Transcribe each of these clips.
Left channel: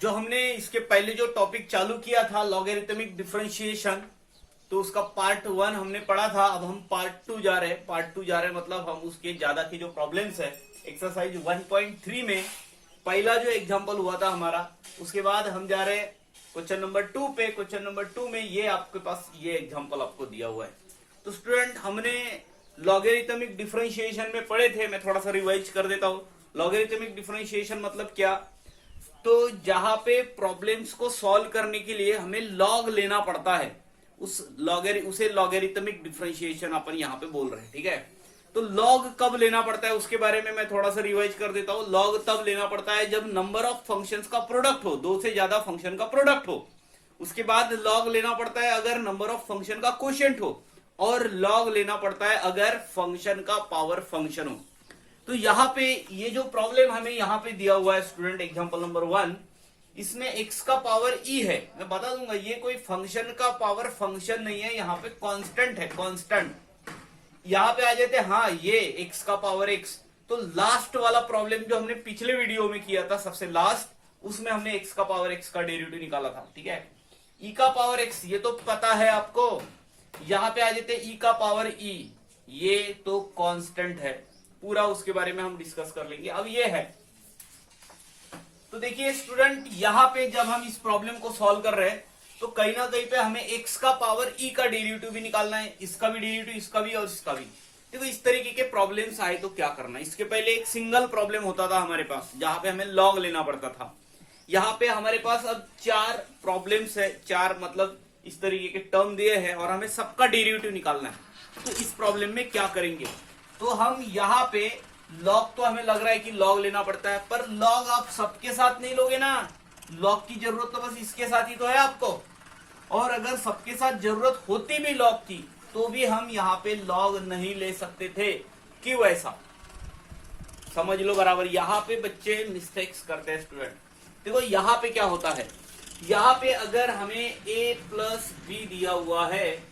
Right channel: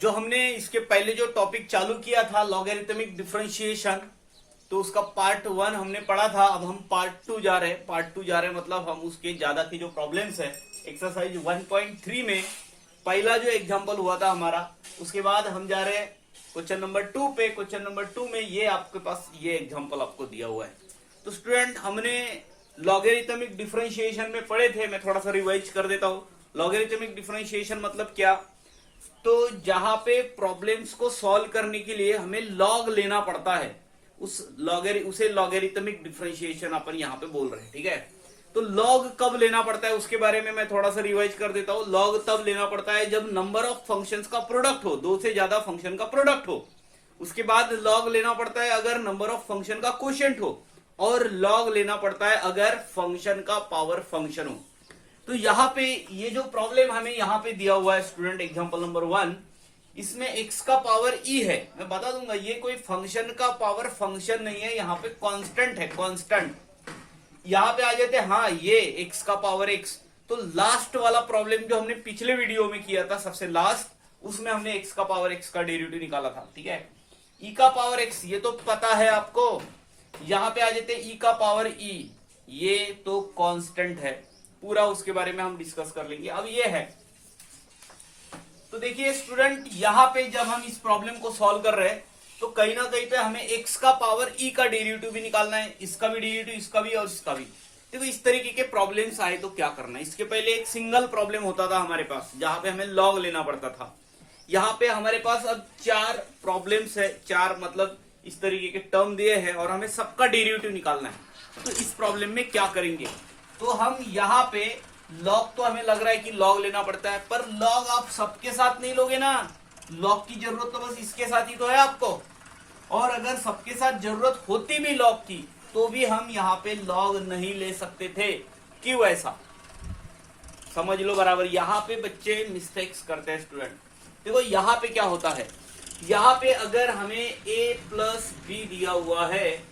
जो हमने इसके पहले जो टॉपिक चालू किया था लॉगरिथमिक डिफरेंशिएशन, तो उसका पार्ट 1 हमने पढ़ा था। अब हम पार्ट 2 जा रहे हैं। पार्ट 2 जा रहे हैं मतलब हम उसके ज्यादा की जो प्रॉब्लम्स है एक्सरसाइज 1.3 में पहला जो एग्जांपल हुआ था हमारा, उसके बाद हम जा रहे हैं क्वेश्चन नंबर 2 पे। क्वेश्चन नंबर 2 में ये आपके पास ये एग्जांपल आपको दिया हुआ है। तो स्टूडेंट हमने लॉगरिथमिक डिफरेंशिएशन में पढ़े थे, मैं थोड़ा सा रिवाइज कर देता हूँ। लॉगरिथमिक डिफरेंशिएशन मतलब क्या, तो जहां पे प्रॉब्लम्स को सॉल्व करने के लिए हमें लॉग लेना पड़ता है, उसे लॉगरिथमिक डिफरेंशिएशन अपन यहाँ पे बोल रहे हैं। ठीक है, तो लॉग कब लेना पड़ता है उसके बारे में मैं थोड़ा सा रिवाइज कर देता हूँ। लॉग तब लेना पड़ता है जब नंबर ऑफ फंक्शंस का प्रोडक्ट हो, दो से ज्यादा फंक्शन का प्रोडक्ट हो। उसके बाद लॉग लेना पड़ता है अगर नंबर ऑफ फंक्शन का क्वोशिएंट हो, और लॉग लेना पड़ता है अगर फंक्शन का पावर फंक्शन हो। तो यहाँ पे ये जो प्रॉब्लम हमें यहाँ पे दिया हुआ है स्टूडेंट एग्जांपल नंबर 1, इसमें x का पावर e है। मैं बता दूंगा ये कोई फंक्शन का पावर फंक्शन नहीं है, यहाँ पे कांस्टेंट है, कांस्टेंट। यहाँ पे आ जाते हैं हाँ ये x का पावर x। तो लास्ट वाला प्रॉब्लम जो हमने पिछले वीडियो में किया था सबसे लास्ट, उसमें हमने x का पावर x का डेरिवेटिव निकाला था। ठीक है, e का पावर x ये तो पता है आपको। यहाँ पे आ जाते हैं e का पावर e, ये तो कांस्टेंट है, पूरा उसके बारे में हम डिस्कस कर लेंगे। अब ये है, तो देखिए स्टूडेंट यहाँ पे जब हम इस प्रॉब्लम को सॉल्व कर रहे हैं तो कहीं ना कहीं पे हमें x का पावर e का डेरिवेटिव भी निकालना है, इसका भी डेरिवेटिव, इसका भी और इसका भी। देखो इस तरीके के प्रॉब्लम्स आए तो क्या करना है। इसके पहले एक सिंगल प्रॉब्लम होता था हमारे पास जहां पे हमें लॉग लेना पड़ता था। यहाँ पे हमारे पास अब 4 प्रॉब्लम्स है, 4 मतलब इस तरीके के टर्म दिए हैं और हमें सबका डेरिवेटिव निकालना है। तो इस प्रॉब्लम में क्या करेंगे, तो हम यहाँ पे लॉग तो हमें लग रहा है कि लॉग लेना पड़ता है, पर लॉग आप सबके साथ नहीं लोगे ना। लॉग की जरूरत तो बस इसके साथ ही तो है आपको, और अगर सबके साथ जरूरत होती भी लॉग की तो भी हम यहाँ पे लॉग नहीं ले सकते थे। क्यों ऐसा, समझ लो बराबर। यहाँ पे बच्चे मिस्टेक्स करते हैं स्टूडेंट। देखो यहाँ पे क्या होता है, यहाँ पे अगर हमें a प्लस बी दिया हुआ है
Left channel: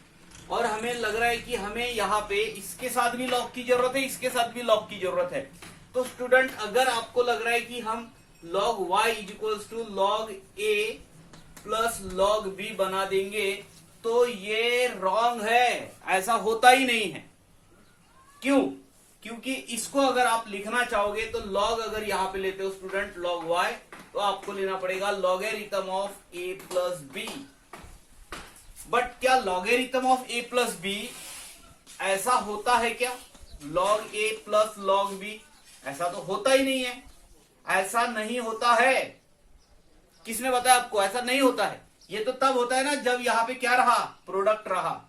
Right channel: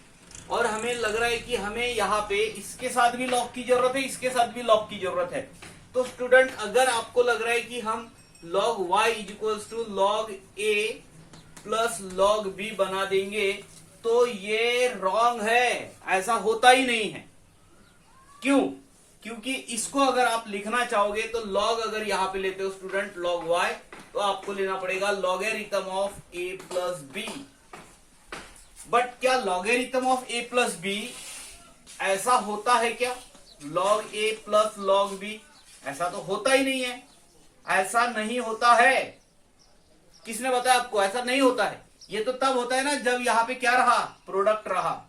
और हमें लग रहा है कि हमें यहाँ पे इसके साथ भी लॉग की जरूरत है, इसके साथ भी लॉग की जरूरत है, तो स्टूडेंट अगर आपको लग रहा है कि हम log y is equals to log a plus log b बना देंगे, तो ये रॉन्ग है, ऐसा होता ही नहीं है। क्यों, क्योंकि इसको अगर आप लिखना चाहोगे तो log अगर यहाँ पे लेते हो स्टूडेंट log y, तो आपको लेना पड़ेगा logarithm of a plus B. But क्या logarithm of a plus B ऐसा होता है क्या, log a plus log b? ऐसा तो होता ही नहीं है, ऐसा नहीं होता है। किसने बताया आपको ऐसा नहीं होता है? ये तो तब होता है ना जब यहाँ पे क्या रहा, प्रोडक्ट रहा।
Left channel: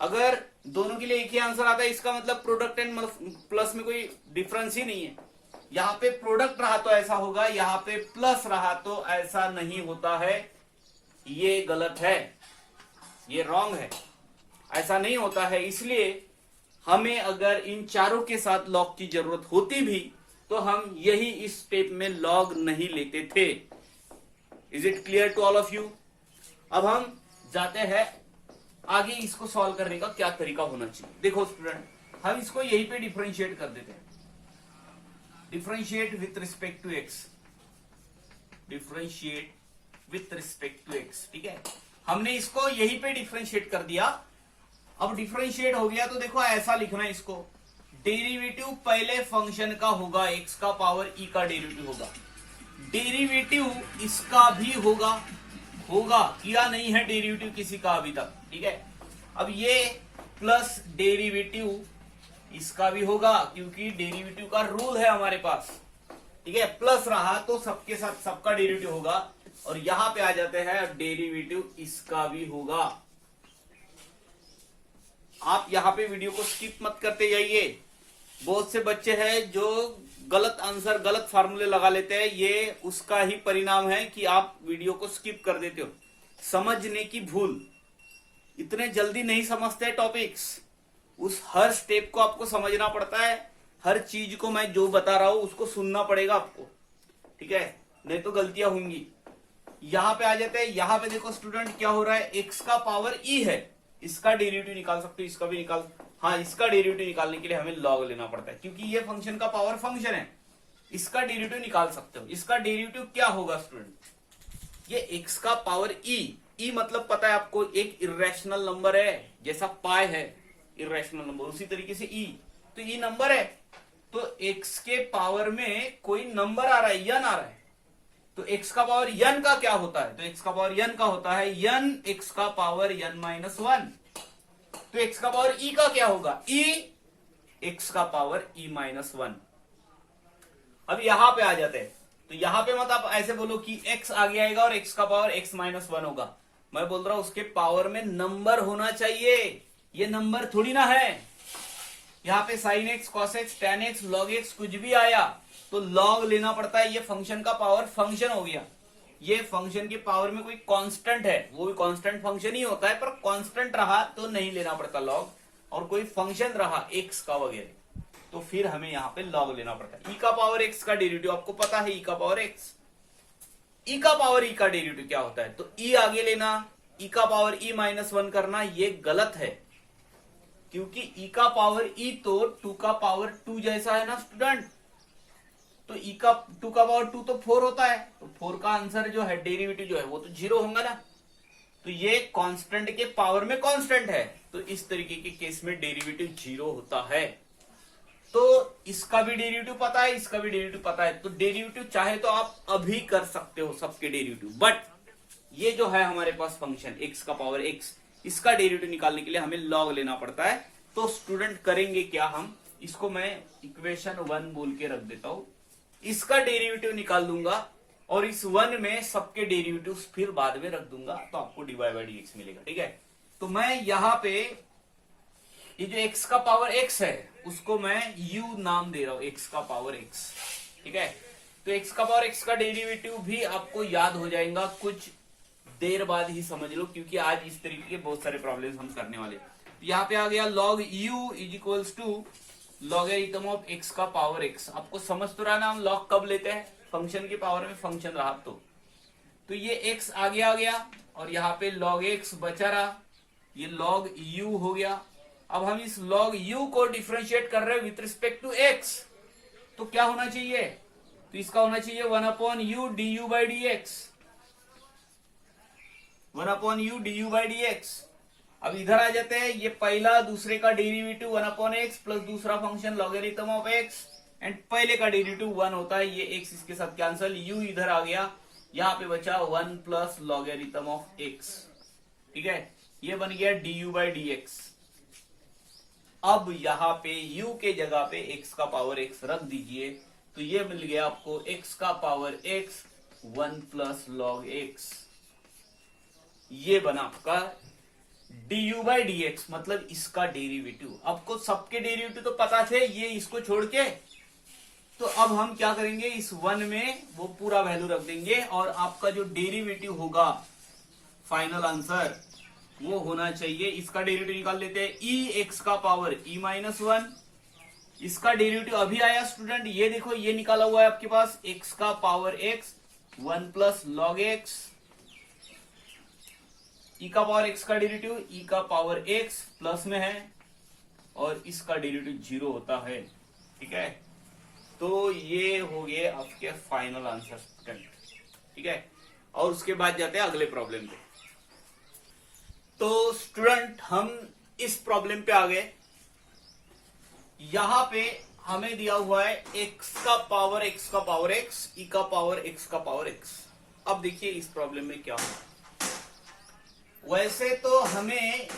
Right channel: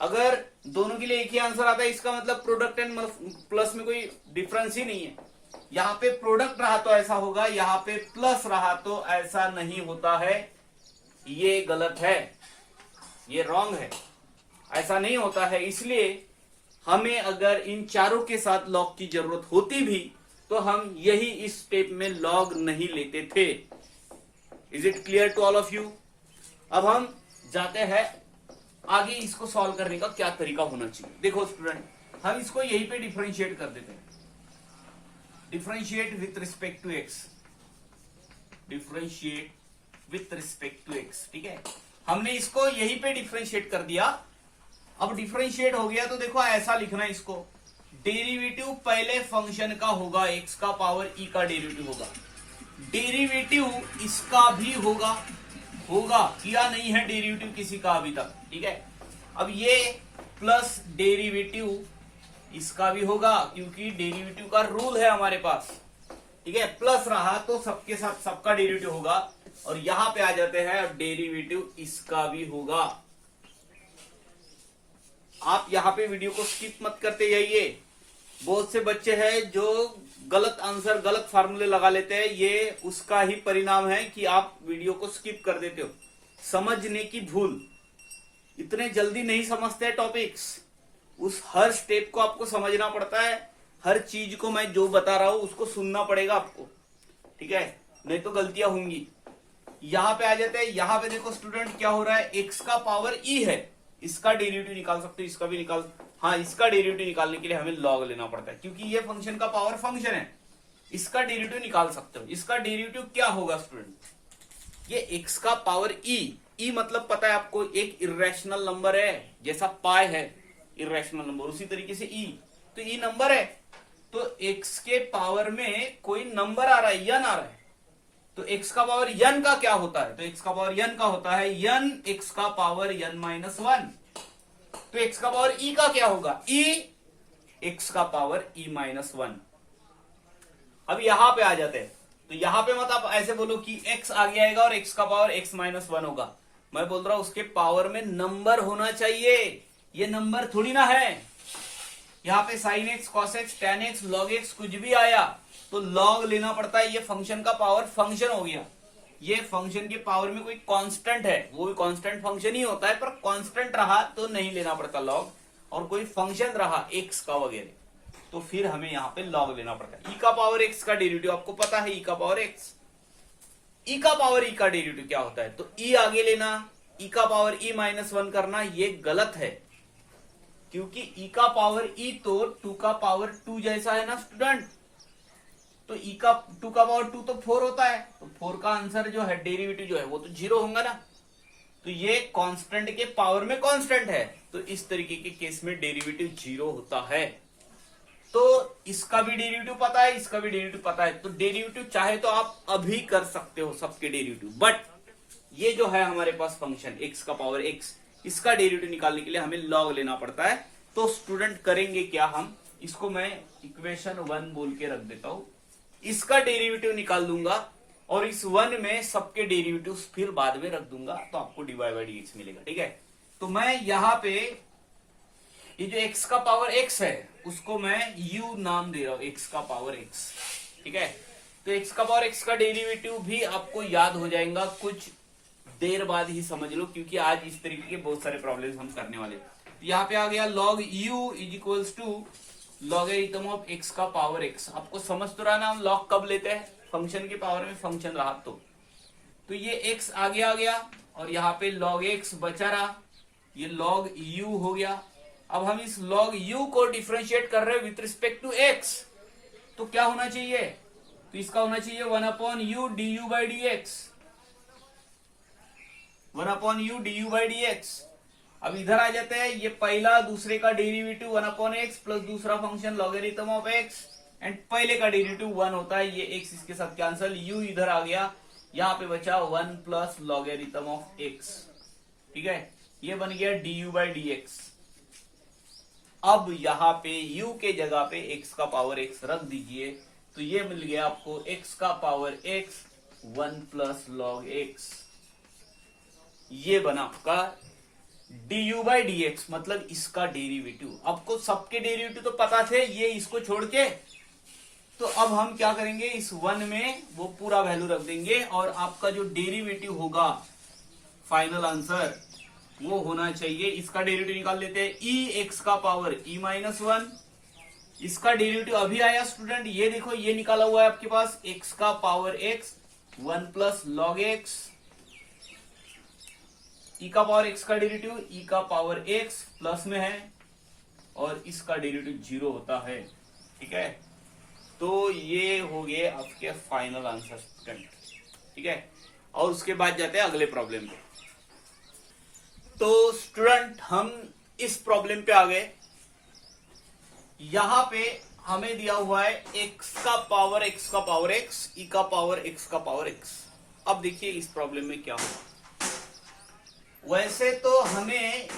अगर दोनों के लिए एक ही आंसर आता है इसका मतलब प्रोडक्ट एंड प्लस में कोई डिफरेंस ही नहीं है। यहाँ पे प्रोडक्ट रहा तो ऐसा होगा, यहाँ पे प्लस रहा तो ऐसा नहीं होता है। ये गलत है, ये रॉन्ग है, ऐसा नहीं होता है। इसलिए हमें अगर इन चारों के साथ लॉग की जरूरत होती भी तो हम यही इस स्टेप में लॉग नहीं लेते थे। Is it clear to all of you? अब हम जाते हैं आगे, इसको सॉल्व करने का क्या तरीका होना चाहिए। देखो स्टूडेंट, हम इसको यहीं पे डिफरेंशिएट कर देते हैं। Differentiate with respect to X, differentiate with respect to X. ठीक है, हमने इसको यहीं पे डिफरेंशिएट कर दिया। अब डिफरेंशिएट हो गया तो देखो ऐसा लिखना है इसको, डेरिवेटिव पहले फंक्शन का होगा, x का पावर e का डेरिवेटिव होगा, डेरिवेटिव इसका भी होगा, किया नहीं है डेरिवेटिव किसी का अभी तक। ठीक है, अब ये प्लस डेरिवेटिव इसका भी होगा क्योंकि डेरिवेटिव का रूल है हमारे पास। ठीक है, प्लस रहा तो सबके साथ सबका डेरिवेटिव होगा, और यहां पे आ जाते हैं डेरिवेटिव इसका भी होगा। आप यहां पे वीडियो को स्किप मत करते जाइए। बहुत से बच्चे हैं जो गलत आंसर, गलत फार्मूले लगा लेते हैं, ये उसका ही परिणाम है कि आप वीडियो को स्किप कर देते हो। समझने की भूल, इतने जल्दी नहीं समझते टॉपिक्स, उस हर स्टेप को आपको समझना पड़ता है। हर चीज को मैं जो बता रहा हूं उसको सुनना पड़ेगा आपको। ठीक है, नहीं तो गलतियां होंगी। यहां पे आ जाते हैं, यहां पे देखो स्टूडेंट क्या हो रहा है, x का पावर e है, इसका डेरिवेटिव निकाल सकते हो, इसका भी निकाल, हाँ इसका डेरिवेटिव निकालने के लिए हमें लॉग लेना पड़ता है क्योंकि ये फंक्शन का पावर फंक्शन है। इसका डेरिवेटिव निकाल सकते हो, इसका डेरिवेटिव क्या होगा स्टूडेंट, ये x का पावर e मतलब पता है आपको, एक इरेशनल नंबर है, जैसा पाई है इरेशनल नंबर, उसी तरीके से e, तो e नंबर है, तो x के पावर में कोई नंबर आ रहा है, n आ रहा है, तो x का पावर n का क्या होता है, तो x का पावर n का होता है n x का पावर n माइनस 1, तो x का पावर e का क्या होगा, e x का पावर e माइनस 1। अब यहां पे आ जाते हैं, तो यहां पे मत आप ऐसे बोलो कि x आगे आएगा और x का पावर x माइनस 1 होगा, मैं बोल रहा हूं उसके पावर में नंबर होना चाहिए, ये नंबर थोड़ी ना है। यहाँ पे sin x, cos x, tan x, log x कुछ भी आया तो log लेना पड़ता है, ये फंक्शन का पावर फंक्शन हो गया, ये फंक्शन के पावर में कोई कांस्टेंट है, वो भी कांस्टेंट फंक्शन ही होता है, पर कांस्टेंट रहा तो नहीं लेना पड़ता log, और कोई फंक्शन रहा x का वगैरह तो फिर हमें यहाँ पे log लेना पड़ता है। e का पावर x का डेरिवेटिव आपको पता है, e का पावर x, e का पावर e का डेरिवेटिव क्या होता है, तो e आगे लेना, e का पावर e माइनस 1 करना, ये गलत है, क्योंकि e का पावर e तो 2 का पावर 2 जैसा है ना स्टूडेंट, तो e का 2 का पावर 2 तो 4 होता है, तो 4 का आंसर जो है डेरिवेटिव जो है वो तो 0 होगा ना, तो ये कांस्टेंट के पावर में कांस्टेंट है, तो इस तरीके के केस में डेरिवेटिव 0 होता है। तो इसका भी डेरिवेटिव पता है, इसका भी डेरिवेटिव पता है, तो डेरिवेटिव चाहे तो आप अभी कर सकते हो सबके डेरिवेटिव, बट ये जो है हमारे पास फंक्शन x का पावर x, इसका डेरिवेटिव निकालने के लिए हमें log लेना पड़ता है। तो स्टूडेंट करेंगे क्या, हम इसको मैं इक्वेशन 1 बोल के रख देता हूं, इसका डेरिवेटिव निकाल दूंगा और इस 1 में सबके डेरिवेटिव फिर बाद में रख दूंगा, तो आपको dy बाई dx मिलेगा। ठीक है, तो मैं यहां पे ये जो x का पावर x है उसको मैं u नाम दे रहा हूं, x का पावर x। ठीक है, तो x का पावर x का डेरिवेटिव भी आपको याद हो जाएगा, कुछ देर बाद ही समझ लो, क्योंकि आज इस तरीके के बहुत सारे प्रॉब्लम्स हम करने वाले। यहाँ पे आ गया log u is equals to logarithm of x का पावर x। आपको समझ तो रहा ना हम log कब लेते हैं, फंक्शन के पावर में फंक्शन रहा तो ये x आगे आ गया और यहाँ पे log x बचा रहा, ये log u हो गया। अब हम इस log u को डिफरेंशिएट कर रहे हैं विथ रिस्पेक्ट टू x, तो क्या होना चाहिए, तो इसका होना चाहिए 1/u du by dx, 1/u du by dx। अब इधर आ जाते हैं, ये पहला दूसरे का डेरिवेटिव 1/x प्लस दूसरा function logarithm of x, and पहले का डेरिवेटिव 1 होता है, ये x इसके साथ कैंसल, u इधर आ गया, यहाँ पे बचा 1 प्लस लॉगरिथम ऑफ x। ठीक है, ये बन गया du बाई dx। अब यहाँ पे u के जगह पे x का पावर x रख दीजिए, तो ये मिल गया आपको x का power x 1 plus log x, ये बना आपका du बाई dx, मतलब इसका डेरिवेटिव। आपको सबके डेरिवेटिव तो पता थे, ये इसको छोड़ के, तो अब हम क्या करेंगे, इस 1 में वो पूरा वैल्यू रख देंगे और आपका जो डेरिवेटिव होगा फाइनल आंसर वो होना चाहिए, इसका डेरिवेटिव निकाल लेते हैं, e x का पावर e माइनस 1, इसका डेरिवेटिव अभी आया स्टूडेंट, ये देखो ये निकाला हुआ है आपके पास, x का power x 1 plus log x, e का पावर x का डेरिवेटिव e का पावर x प्लस में है और इसका डेरिवेटिव 0 होता है। ठीक है, तो ये हो गए आपके फाइनल आंसर स्टूडेंट। ठीक है, और उसके बाद जाते हैं अगले प्रॉब्लम पे। तो स्टूडेंट हम इस प्रॉब्लम पे आ गए, यहां पे हमें दिया हुआ है x का पावर x का पावर x, e का पावर x का पावर x। अब देखिए इस प्रॉब्लम में क्या होगा, वैसे तो हमें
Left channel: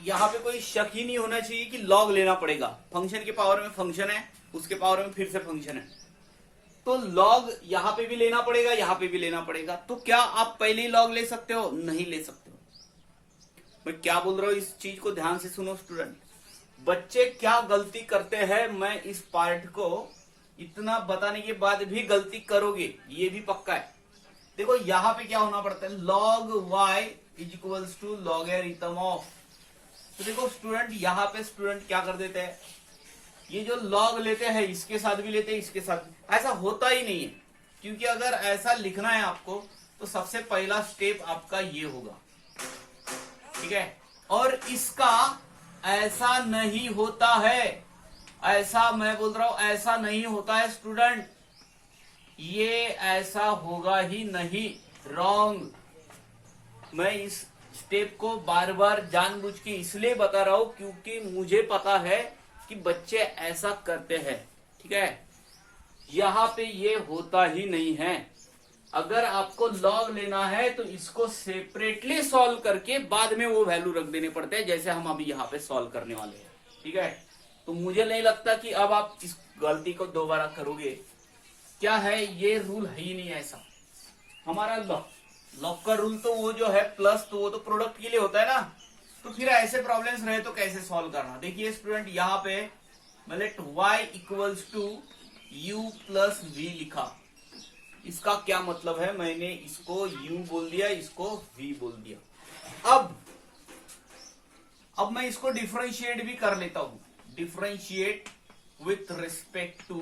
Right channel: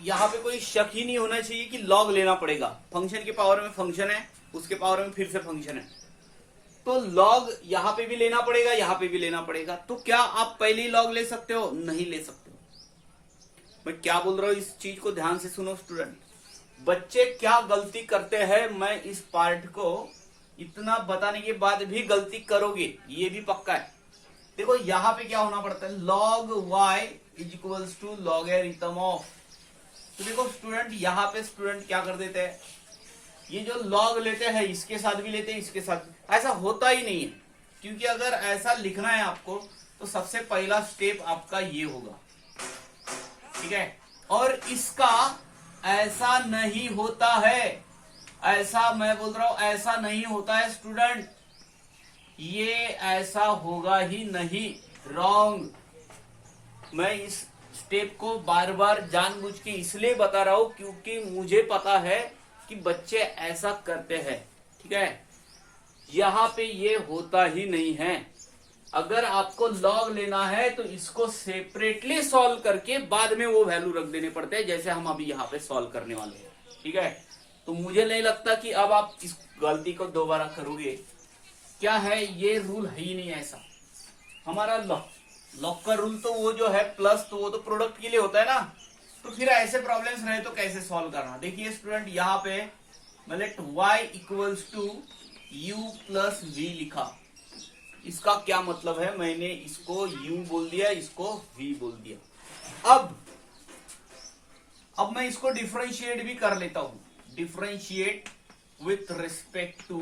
यहाँ पे कोई शक ही नहीं होना चाहिए कि log लेना पड़ेगा, फंक्शन के पावर में फंक्शन है, उसके पावर में फिर से फंक्शन है, तो log यहाँ पे भी लेना पड़ेगा, यहाँ पे भी लेना पड़ेगा। तो क्या आप पहले ही log ले सकते हो, नहीं ले सकते हो। मैं क्या बोल रहा हूं इस चीज को ध्यान से सुनो स्टूडेंट, बच्चे क्या गलती करते हैं, मैं इस पार्ट को इतना बताने के बाद भी गलती करोगे, ये भी पक्का है। देखो यहाँ पे क्या होना पड़ता है, log y is equals to logarithm of, तो देखो स्टूडेंट यहाँ पे स्टूडेंट क्या कर देते हैं, ये जो log लेते हैं इसके साथ भी लेते हैं, इसके साथ, ऐसा होता ही नहीं है, क्योंकि अगर ऐसा लिखना है आपको तो सबसे पहला स्टेप आपका ये होगा। ठीक है, और इसका ऐसा नहीं होता है, ऐसा मैं बोल रहा हूं ऐसा नहीं होता है स्टूडेंट, ये ऐसा होगा ही नहीं, रॉन्ग। मैं इस स्टेप को बार बार जानबूझ के इसलिए बता रहा हूं क्योंकि मुझे पता है कि बच्चे ऐसा करते हैं। ठीक है, यहाँ पे ये होता ही नहीं है। अगर आपको लॉग लेना है तो इसको सेपरेटली सॉल्व करके बाद में वो वैल्यू रख देने पड़ते हैं, जैसे हम अभी यहाँ पे सॉल्व करने वाले हैं। ठीक है, तो मुझे नहीं लगता कि अब आप इस गलती को दोबारा करोगे। क्या है, ये रूल है ही नहीं ऐसा हमारा। लॉग का रूल तो वो जो है प्लस, तो वो तो प्रोडक्ट के लिए होता है ना। तो फिर ऐसे प्रॉब्लम्स रहे तो कैसे सॉल्व करना। देखिए स्टूडेंट, यहाँ पे let y equals to u plus v लिखा। इसका क्या मतलब है, मैंने इसको u बोल दिया, इसको v बोल दिया। अब मैं इसको डिफरेंशिएट भी कर लेता हूं। Differentiate with respect to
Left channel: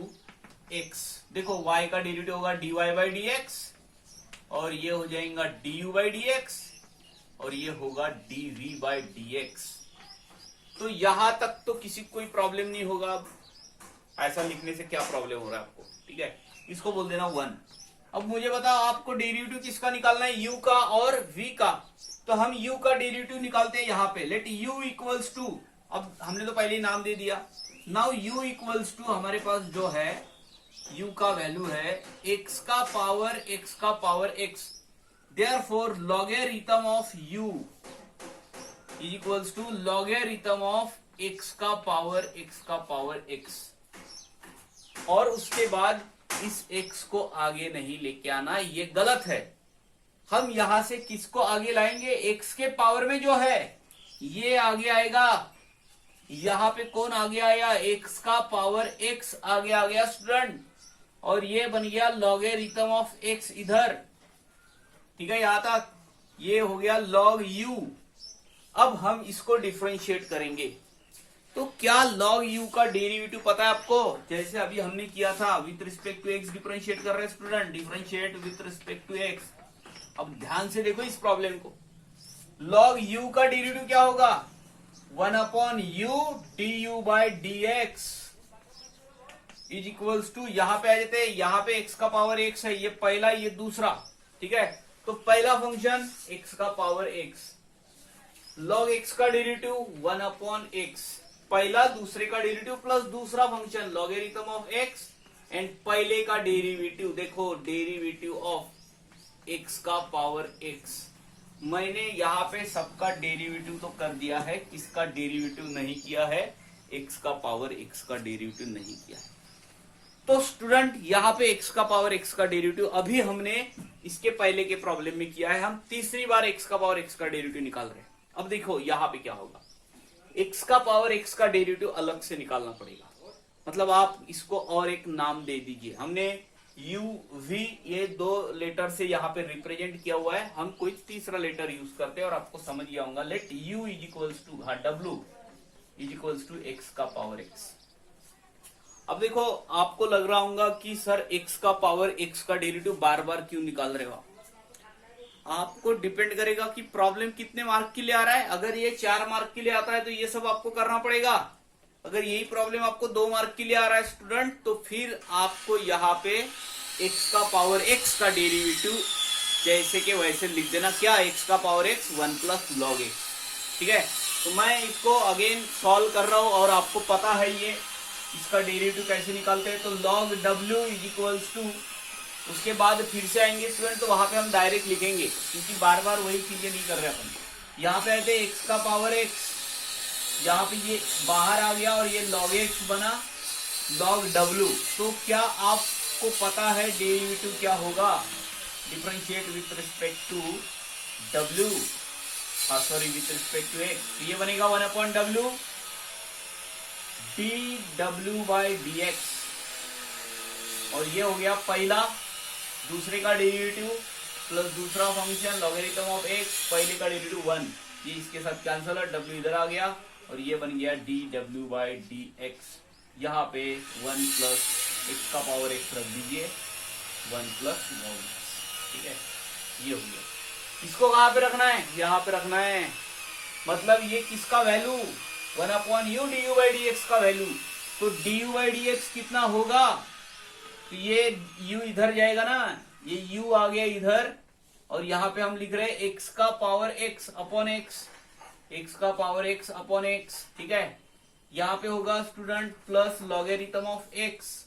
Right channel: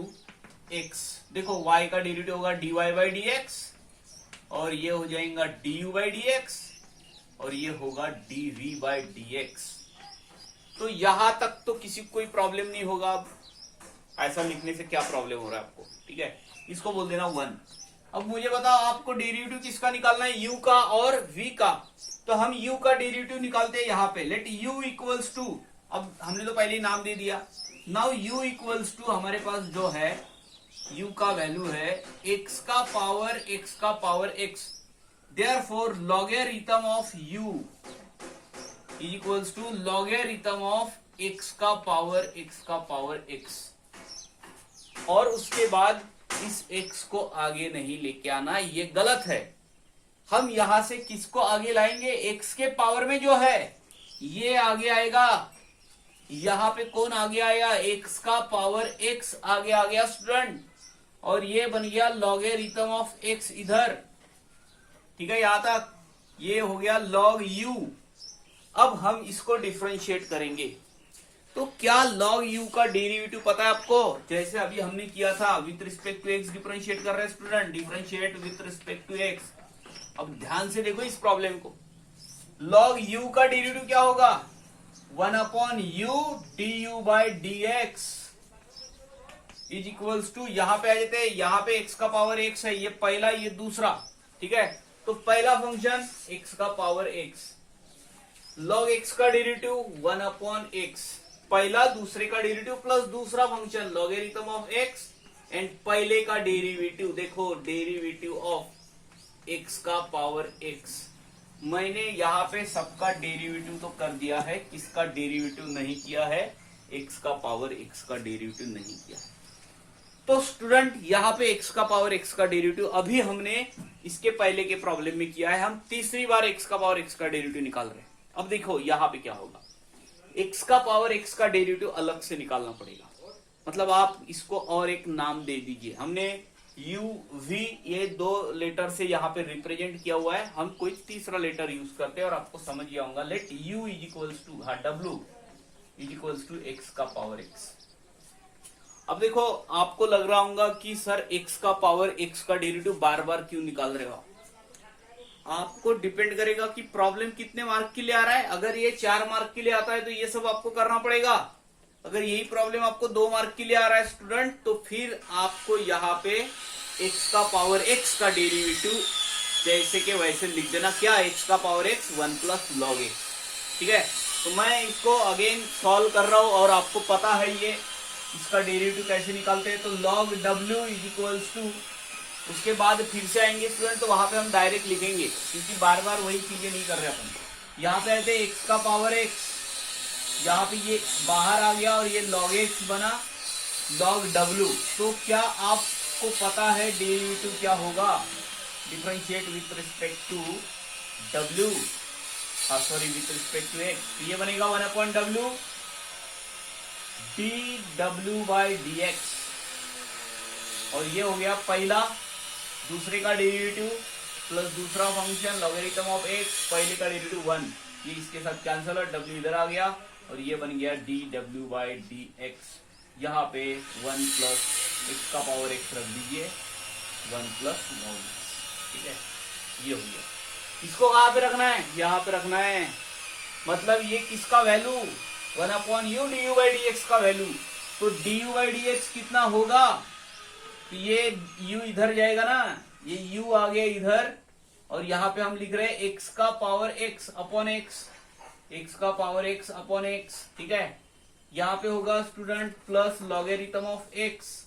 x। देखो y का डेरिवेटिव होगा dy बाई डी एक्स, और ये हो जाएगा du बाई डी एक्स, और ये होगा dv बाई डी एक्स। तो यहां तक तो किसी को कोई प्रॉब्लम नहीं होगा। अब ऐसा लिखने से क्या प्रॉब्लम हो रहा है आपको। ठीक है, इसको बोल देना 1। अब मुझे बताओ आपको डेरिवेटिव किसका निकालना है, u का और v का। तो हम u का डेरिवेटिव निकालते हैं यहाँ पे। लेट u इक्वल्स टू, अब हमने तो पहले ही नाम दे दिया। नाउ u इक्वल्स टू हमारे पास जो है u का वैल्यू है x का power x। Therefore logarithm of u is equals to logarithm of x का पावर x। और उसके बाद इस x को आगे नहीं लेके आना, ये गलत है। हम यहां से किसको आगे लाएंगे, x के पावर में जो है ये आगे आएगा। यहां पे कौन आगे आया, x का पावर x आगे आ गया स्टूडेंट, और ये बन गया लॉगरिथम ऑफ x इधर। ठीक है, यहां तक ये हो गया log u। अब हम इसको डिफरेंशिएट करेंगे। तो क्या log u का डेरिवेटिव पता है आपको, जैसे अभी हमने किया था with respect to x differentiate कर रहे हैं student, differentiate with respect to x। अब ध्यान से देखो इस प्रॉब्लम को। log u का डेरिवेटिव क्या होगा, 1 upon u du by D X is equals to, यहां पे आ जाते हैं, यहां पे x का पावर x है, ये पहला ये दूसरा। ठीक है, तो पहला फंक्शन x का पावर x, log x का डेरिवेटिव 1 अपॉन x, पहला दूसरे का डेरिवेटिव प्लस दूसरा function logarithm of x, and पहले का डेरिवेटिव देखो डेरिवेटिव ऑफ x का पावर x। मैंने यहाँ पे सबका डेरिवेटिव तो कर दिया है, किसका डेरिवेटिव नहीं किया है, x का पावर x का डेरिवेटिव नहीं किया है। तो स्टूडेंट यहाँ पे x का पावर x का डेरिवेटिव अभी हमने इसके पहले के प्रॉब्लम में किया है। हम तीसरी बार x का पावर x का डेरिवेटिव निकाल रहे हैं। अब देखो यहाँ पे क्या होगा, x का पावर x का डेरिवेटिव अलग से निकालना पड़ेगा। मतलब आप इसको और एक नाम दे दीजिए। हमने u v ये दो लेटर से यहाँ पे रिप्रेजेंट किया हुआ है, हम कोई तीसरा लेटर यूज करते हैं और आपको समझ गया होगा। Let u is equals to w is equals to x का पावर x। अब देखो आपको लग रहा होगा कि सर x का पावर x का डेरिवेटिव बार बार क्यों निकाल रहे हो। आपको डिपेंड करेगा कि प्रॉब्लम कितने मार्क के लिए आ रहा है। अगर ये 4 मार्क के लिए आता है तो ये सब आपको करना पड़ेगा। अगर यही प्रॉब्लम आपको 2 मार्क के लिए आ रहा है स्टूडेंट, तो फिर आपको यहाँ पे x का पावर x का डेरिवेटिव जैसे के वैसे लिख देना। क्या, x का power x 1 plus log x। ठीक है, तो मैं इसको अगेन सॉल्व कर रहा हूं और आपको पता है ये इसका डेरिवेटिव कैसे निकालते हैं। तो log w is equals to, उसके बाद फिर से आएंगे स्टूडेंट तो वहां पे हम डायरेक्ट लिखेंगे, क्योंकि बार बार वही चीजें नहीं कर रहे अपन। यहाँ पे आते हैं x का पावर x, यहाँ पे ये बाहर आ गया और ये log x बना log w। तो क्या आपको पता है डेरिवेटिव क्या होगा, differentiate with respect to w, sorry with respect to x। तो ये बनेगा 1 upon w dw by D X, और ये हो गया पहला दूसरे का डेरिवेटिव प्लस दूसरा फंक्शन लॉगरिथम ऑफ x, पहले का डेरिवेटिव 1, ये इसके साथ कैंसल है, w इधर आ गया और ये बन गया dw बाई डी एक्स। यहाँ पे 1 प्लस x का पावर x रख दीजिए, 1 प्लस log x। ठीक है, ये हो गया। इसको कहाँ पे रखना है, यहाँ पे रखना है। मतलब ये किसका value, 1 upon u du by D x का वैल्यू। तो du बाई डी एक्स कितना होगा, तो ये u इधर जाएगा ना, ये u आ गया इधर और यहाँ पे हम लिख रहे हैं एक्स का power x upon x, x का पावर एक्स अपॉन एक्स, ठीक है। यहाँ पे होगा student plus logarithm of x,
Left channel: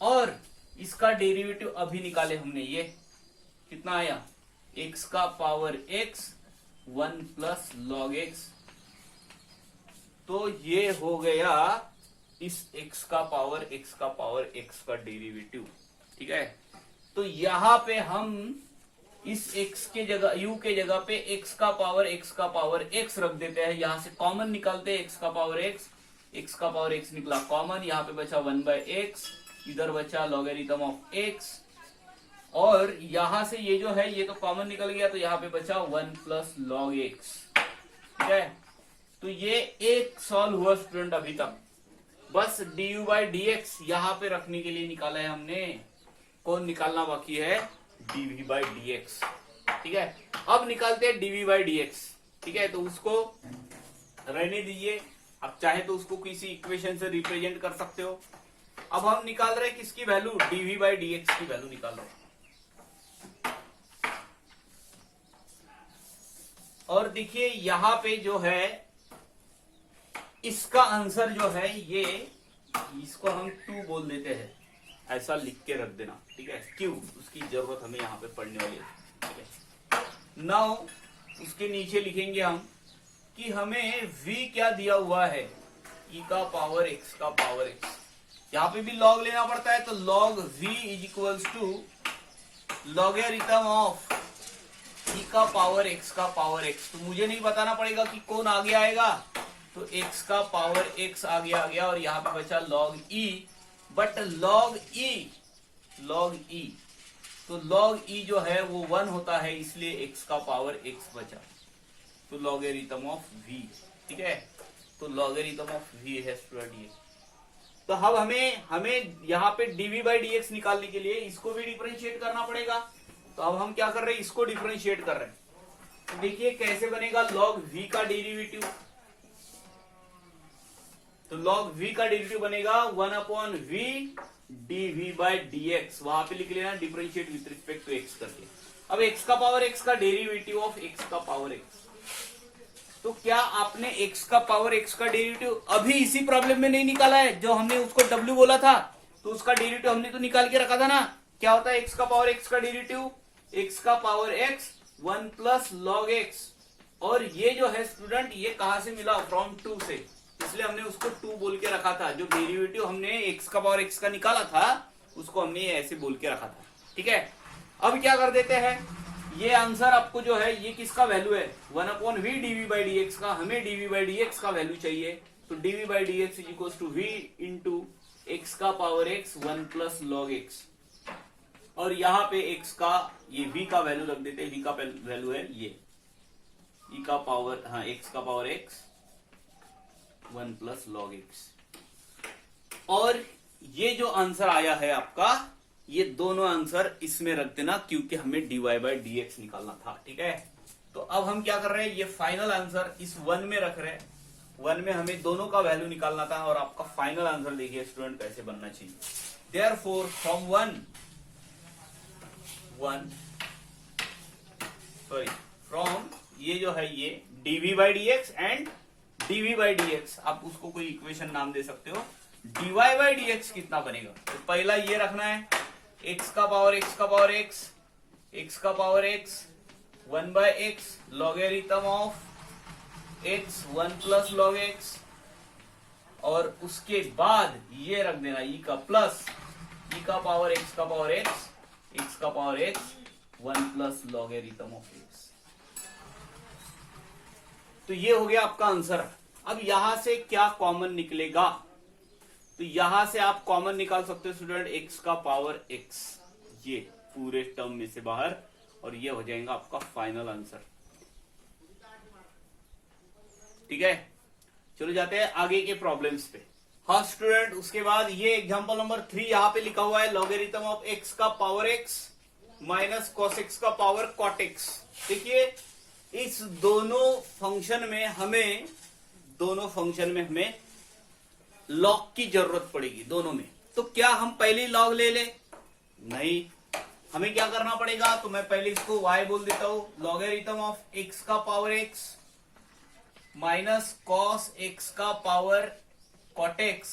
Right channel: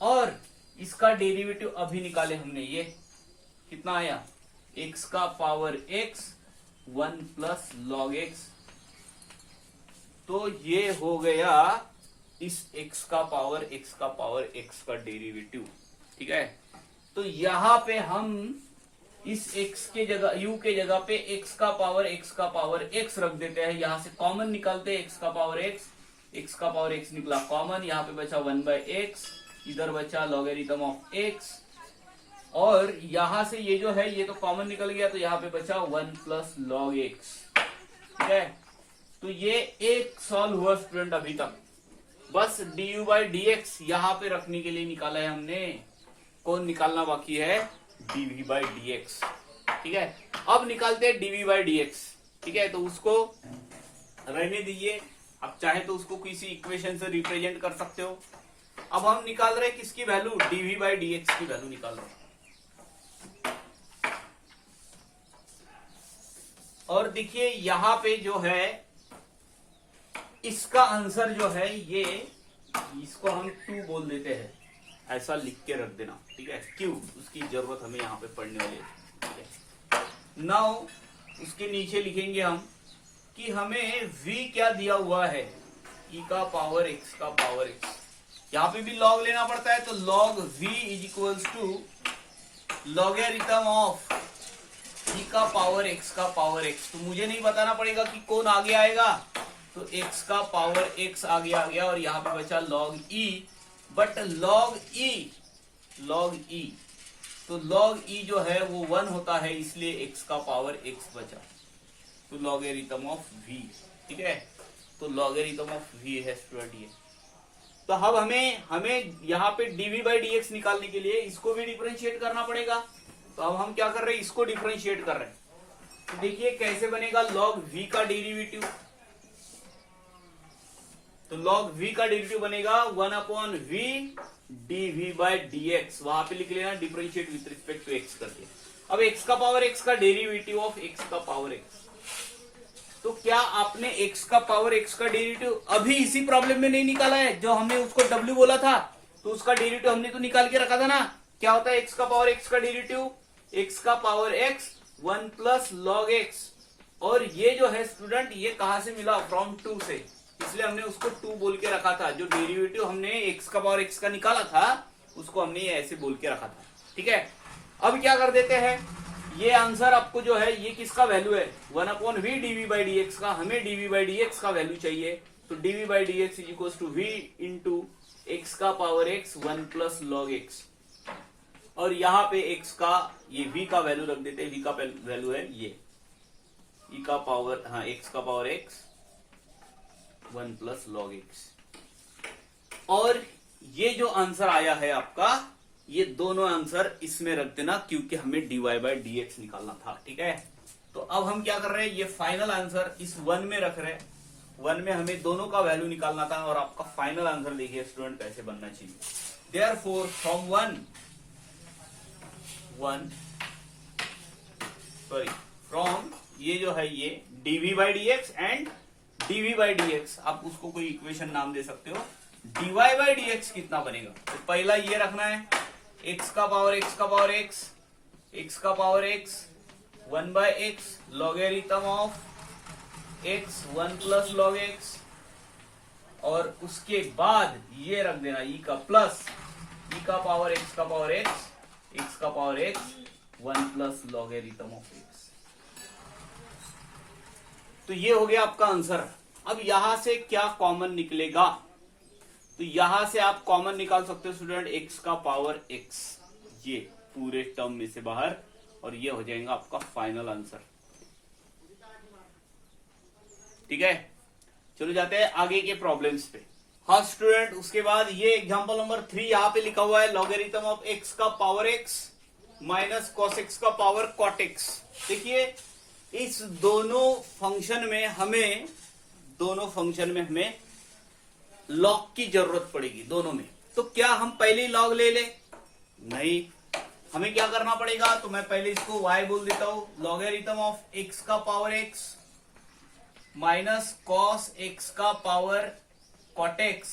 और इसका डेरिवेटिव अभी निकाले हमने, ये कितना आया, एक्स का power x 1 plus log x. तो ये हो गया इस x का पावर x का डेरिवेटिव, ठीक है। तो यहां पे हम इस x के जगह, u के जगह पे x का पावर x रख देते हैं। यहां से कॉमन निकालते हैं, x का पावर x निकला कॉमन, यहाँ पे बचा 1/x, इधर बचा लॉगरिथम ऑफ x, और यहां से ये जो है ये तो कॉमन निकल गया, तो यहाँ पे बचा 1 प्लस लॉग एक्स, ठीक है। तो ये एक सॉल्व हुआ स्टूडेंट अभी तक। बस du/dx यहाँ पे रखने के लिए निकाला है हमने, कौन निकालना बाकी है, dv/dx, ठीक है। अब निकालते हैं dv/dx, ठीक है। तो उसको रहने दीजिए, अब चाहे तो उसको किसी इक्वेशन से रिप्रेजेंट कर सकते हो। अब हम निकाल रहे हैं किसकी वैल्यू, dv/dx की वैल्यू निकाल रहे हैं। और देखिए यहां पे जो है इसका आंसर जो है ये, इसको हम 2 बोल देते हैं, ऐसा लिख के रख देना, ठीक है। क्यों, उसकी जरूरत हमें यहाँ पे पढ़ने वाली है, ठीक है। नाउ उसके नीचे लिखेंगे हम कि हमें v क्या दिया हुआ है, e का पावर x का पावर x। यहाँ पे भी log लेना पड़ता है, तो log v is equals to logarithm of e का पावर x। तो मुझे नहीं बताना पड़ेगा कि कौन आगे आएगा, तो x का पावर x आगे आ गया, और यहाँ पे बचा log e, but log e तो log e जो है वो 1 होता है, इसलिए x का पावर x बचा, तो लॉगरिथम ऑफ v, ठीक है। तो लॉगरिथम ऑफ v है स्टूडेंट ये। तो अब हमें यहाँ पे dv/dx निकालने के लिए इसको भी डिफरेंशिएट करना पड़ेगा। तो अब हम क्या कर रहे हैं, इसको डिफरेंशिएट कर रहे हैं। तो देखिए कैसे बनेगा, log v का डेरिवेटिव, तो log v का डेरिवेटिव बनेगा 1/v dv/dx, वहां पे लिख लेना differentiate with respect to x करके। अब x का पावर x का डेरिवेटिव ऑफ x का पावर x, तो क्या आपने x का पावर x का डेरिवेटिव अभी इसी प्रॉब्लम में नहीं निकाला है, जो हमने उसको w बोला था, तो उसका डेरिवेटिव हमने तो निकाल के रखा था ना। क्या होता है x का पावर x का डेरिवेटिव, x का power x 1 plus log x, और ये जो है स्टूडेंट ये कहां से मिला, फ्रॉम 2 से, इसलिए हमने उसको 2 बोल के रखा था। जो डेरिवेटिव हमने x का पावर x का निकाला था उसको हमने ऐसे बोल के रखा था, ठीक है। अब क्या कर देते हैं, ये आंसर आपको जो है ये किसका वैल्यू है, 1/v dv/dx का, हमें dv/dx का वैल्यू चाहिए। तो dv/dx is equal to v into X का power x 1 plus log x, और यहाँ पे x का ये v का वैल्यू रख देते हैं, v का वैल्यू है ये e का पावर, हाँ x का power x 1 plus log x. और ये जो आंसर आया है आपका, ये दोनों आंसर इसमें रख देना, क्योंकि हमें dy/dx निकालना था, ठीक है। तो अब हम क्या कर रहे हैं, ये फाइनल आंसर इस 1 में रख रहे हैं, 1 में हमें दोनों का वैल्यू निकालना था, और आपका फाइनल आंसर देखिए स्टूडेंट कैसे बनना चाहिए। देयरफॉर फ्रॉम फ्रॉम ये जो है ये dv/dx एंड dv/dx, आप उसको कोई इक्वेशन नाम दे सकते हो। dy/dx कितना बनेगा, तो पहला ये रखना है, x का पावर x का पावर x का power x 1/x logarithm of x 1 plus log x, और उसके बाद ये रख देना e का प्लस e का पावर x का पावर x का power x 1 plus logarithm of x। तो ये हो गया आपका आंसर। अब यहां से क्या कॉमन निकलेगा, तो यहां से आप कॉमन निकाल सकते हो स्टूडेंट x का पावर x, ये पूरे टर्म में से बाहर, और ये हो जाएगा आपका फाइनल आंसर, ठीक है। चलो जाते हैं आगे के प्रॉब्लम्स पे। हाँ स्टूडेंट, उसके बाद ये एग्जांपल नंबर 3 यहाँ पे लिखा हुआ है, लॉगरिथम ऑफ x का power x minus cos x का पावर cot x। देखिए इस दोनों फंक्शन में हमें लॉग की जरूरत पड़ेगी दोनों में। तो क्या हम पहले लॉग ले ले, नहीं, हमें क्या करना पड़ेगा, तो मैं पहले इसको y बोल देता हूं, लॉगरिथम ऑफ x का power x minus cos x का पावर कॉट x।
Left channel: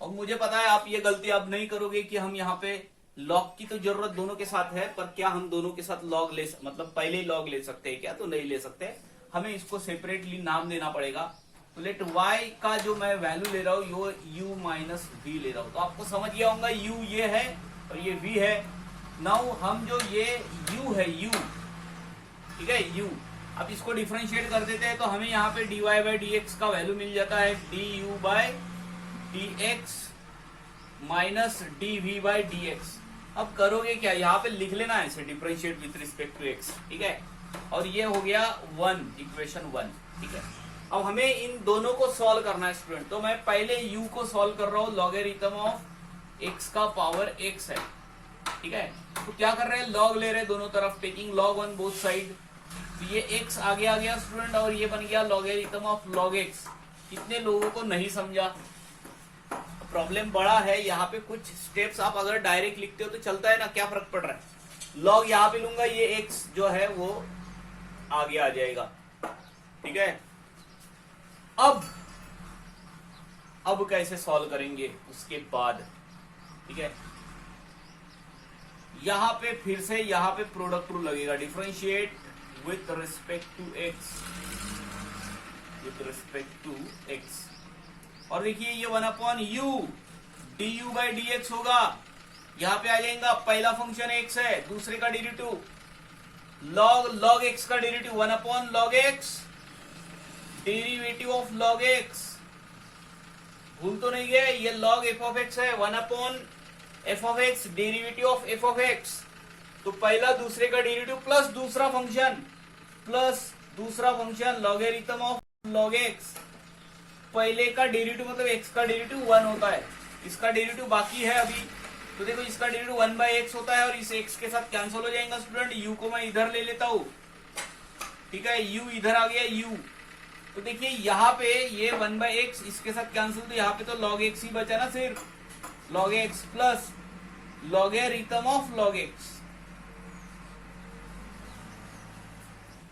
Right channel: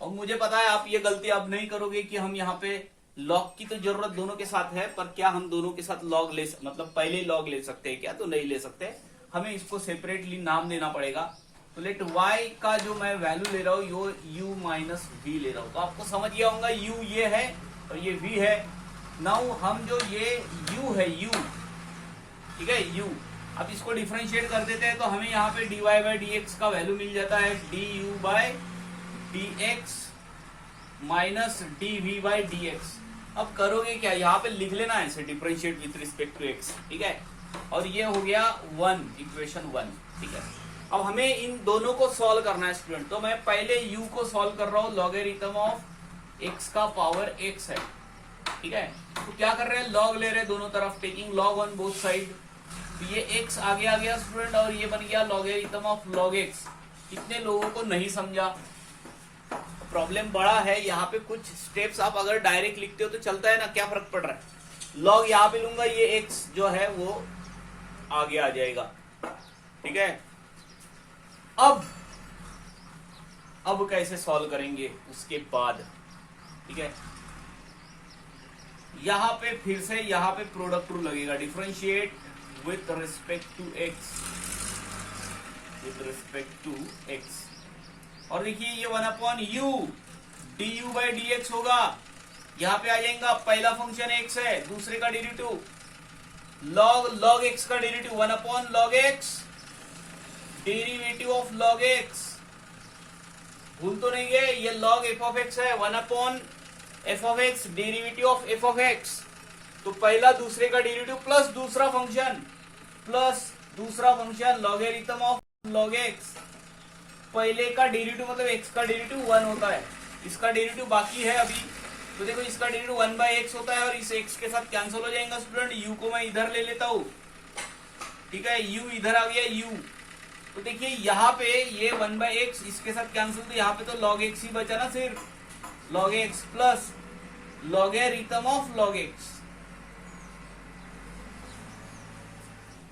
और मुझे पता है आप ये गलती अब नहीं करोगे कि हम यहाँ पे लॉग की तो जरूरत दोनों के साथ है, पर क्या हम दोनों के साथ लॉग मतलब पहले लॉग ले सकते हैं क्या, तो नहीं ले सकते, हमें इसको सेपरेटली नाम देना पड़ेगा। तो लेट y का जो मैं वैल्यू ले रहा हूं यो u माइनस वी ले रहा हूं, तो आपको समझ गया होगा u ये है और ये v है। नाउ हम जो ये u है u, ठीक है u, अब इसको डिफरेंशिएट कर देते हैं तो हमें यहाँ पे dy बाई dx का वैल्यू मिल जाता है du by dx minus dv by dx। अब करोगे क्या, यहाँ पे लिख लेना है इसे differentiate with respect to x, ठीक है, और ये हो गया 1, इक्वेशन 1, ठीक है। अब हमें इन दोनों को सॉल्व करना है स्टूडेंट, तो मैं पहले u को सॉल्व कर रहा हूं, लॉगरिथम ऑफ x का पावर x है, ठीक है। तो क्या कर रहे हैं, लॉग ले रहे हैं दोनों तरफ, taking log on both side. तो ये x आगे आ गया स्टूडेंट और ये बन गया लॉगरिथम ऑफ लॉग x। कितने लोगों को नहीं समझा, प्रॉब्लम बड़ा है, यहाँ पे कुछ स्टेप्स आप अगर डायरेक्ट लिखते हो तो चलता है ना, क्या फर्क पड़ रहा है। लॉग यहाँ पे लूंगा, ये x जो है वो आगे आ जाएगा, ठीक है। अब कैसे सॉल्व करेंगे उसके बाद, ठीक है। यहां पे फिर से यहाँ पे प्रोडक्ट रूल लगेगा, differentiate with respect to x, with respect to x। और देखिए ये 1 upon U du by dx होगा, यहां पे आ जाएगा, पहला फंक्शन x है, दूसरे का डेरिवेटिव log x का derivative 1 upon log x, derivative of log x, भूल तो नहीं गए, ये log f ऑफ x है, 1 upon f of x, derivative of f of x। तो पहला दूसरे का डेरिवेटिव प्लस दूसरा function logarithm of log x। पहले का डेरिवेटिव मतलब x का डेरिवेटिव 1 होता है, इसका डेरिवेटिव बाकी है अभी, तो देखो इसका डेरिवेटिव 1 बाई x होता है और इस x के साथ कैंसिल हो जाएगा स्टूडेंट। u को मैं इधर ले लेता हूं, ठीक है, u इधर आ गया u। तो देखिए यहाँ पे ये 1 बाई एक्स इसके साथ कैंसिल, तो यहाँ पे तो log x ही बचा ना, सिर्फ log x plus logarithm of log x।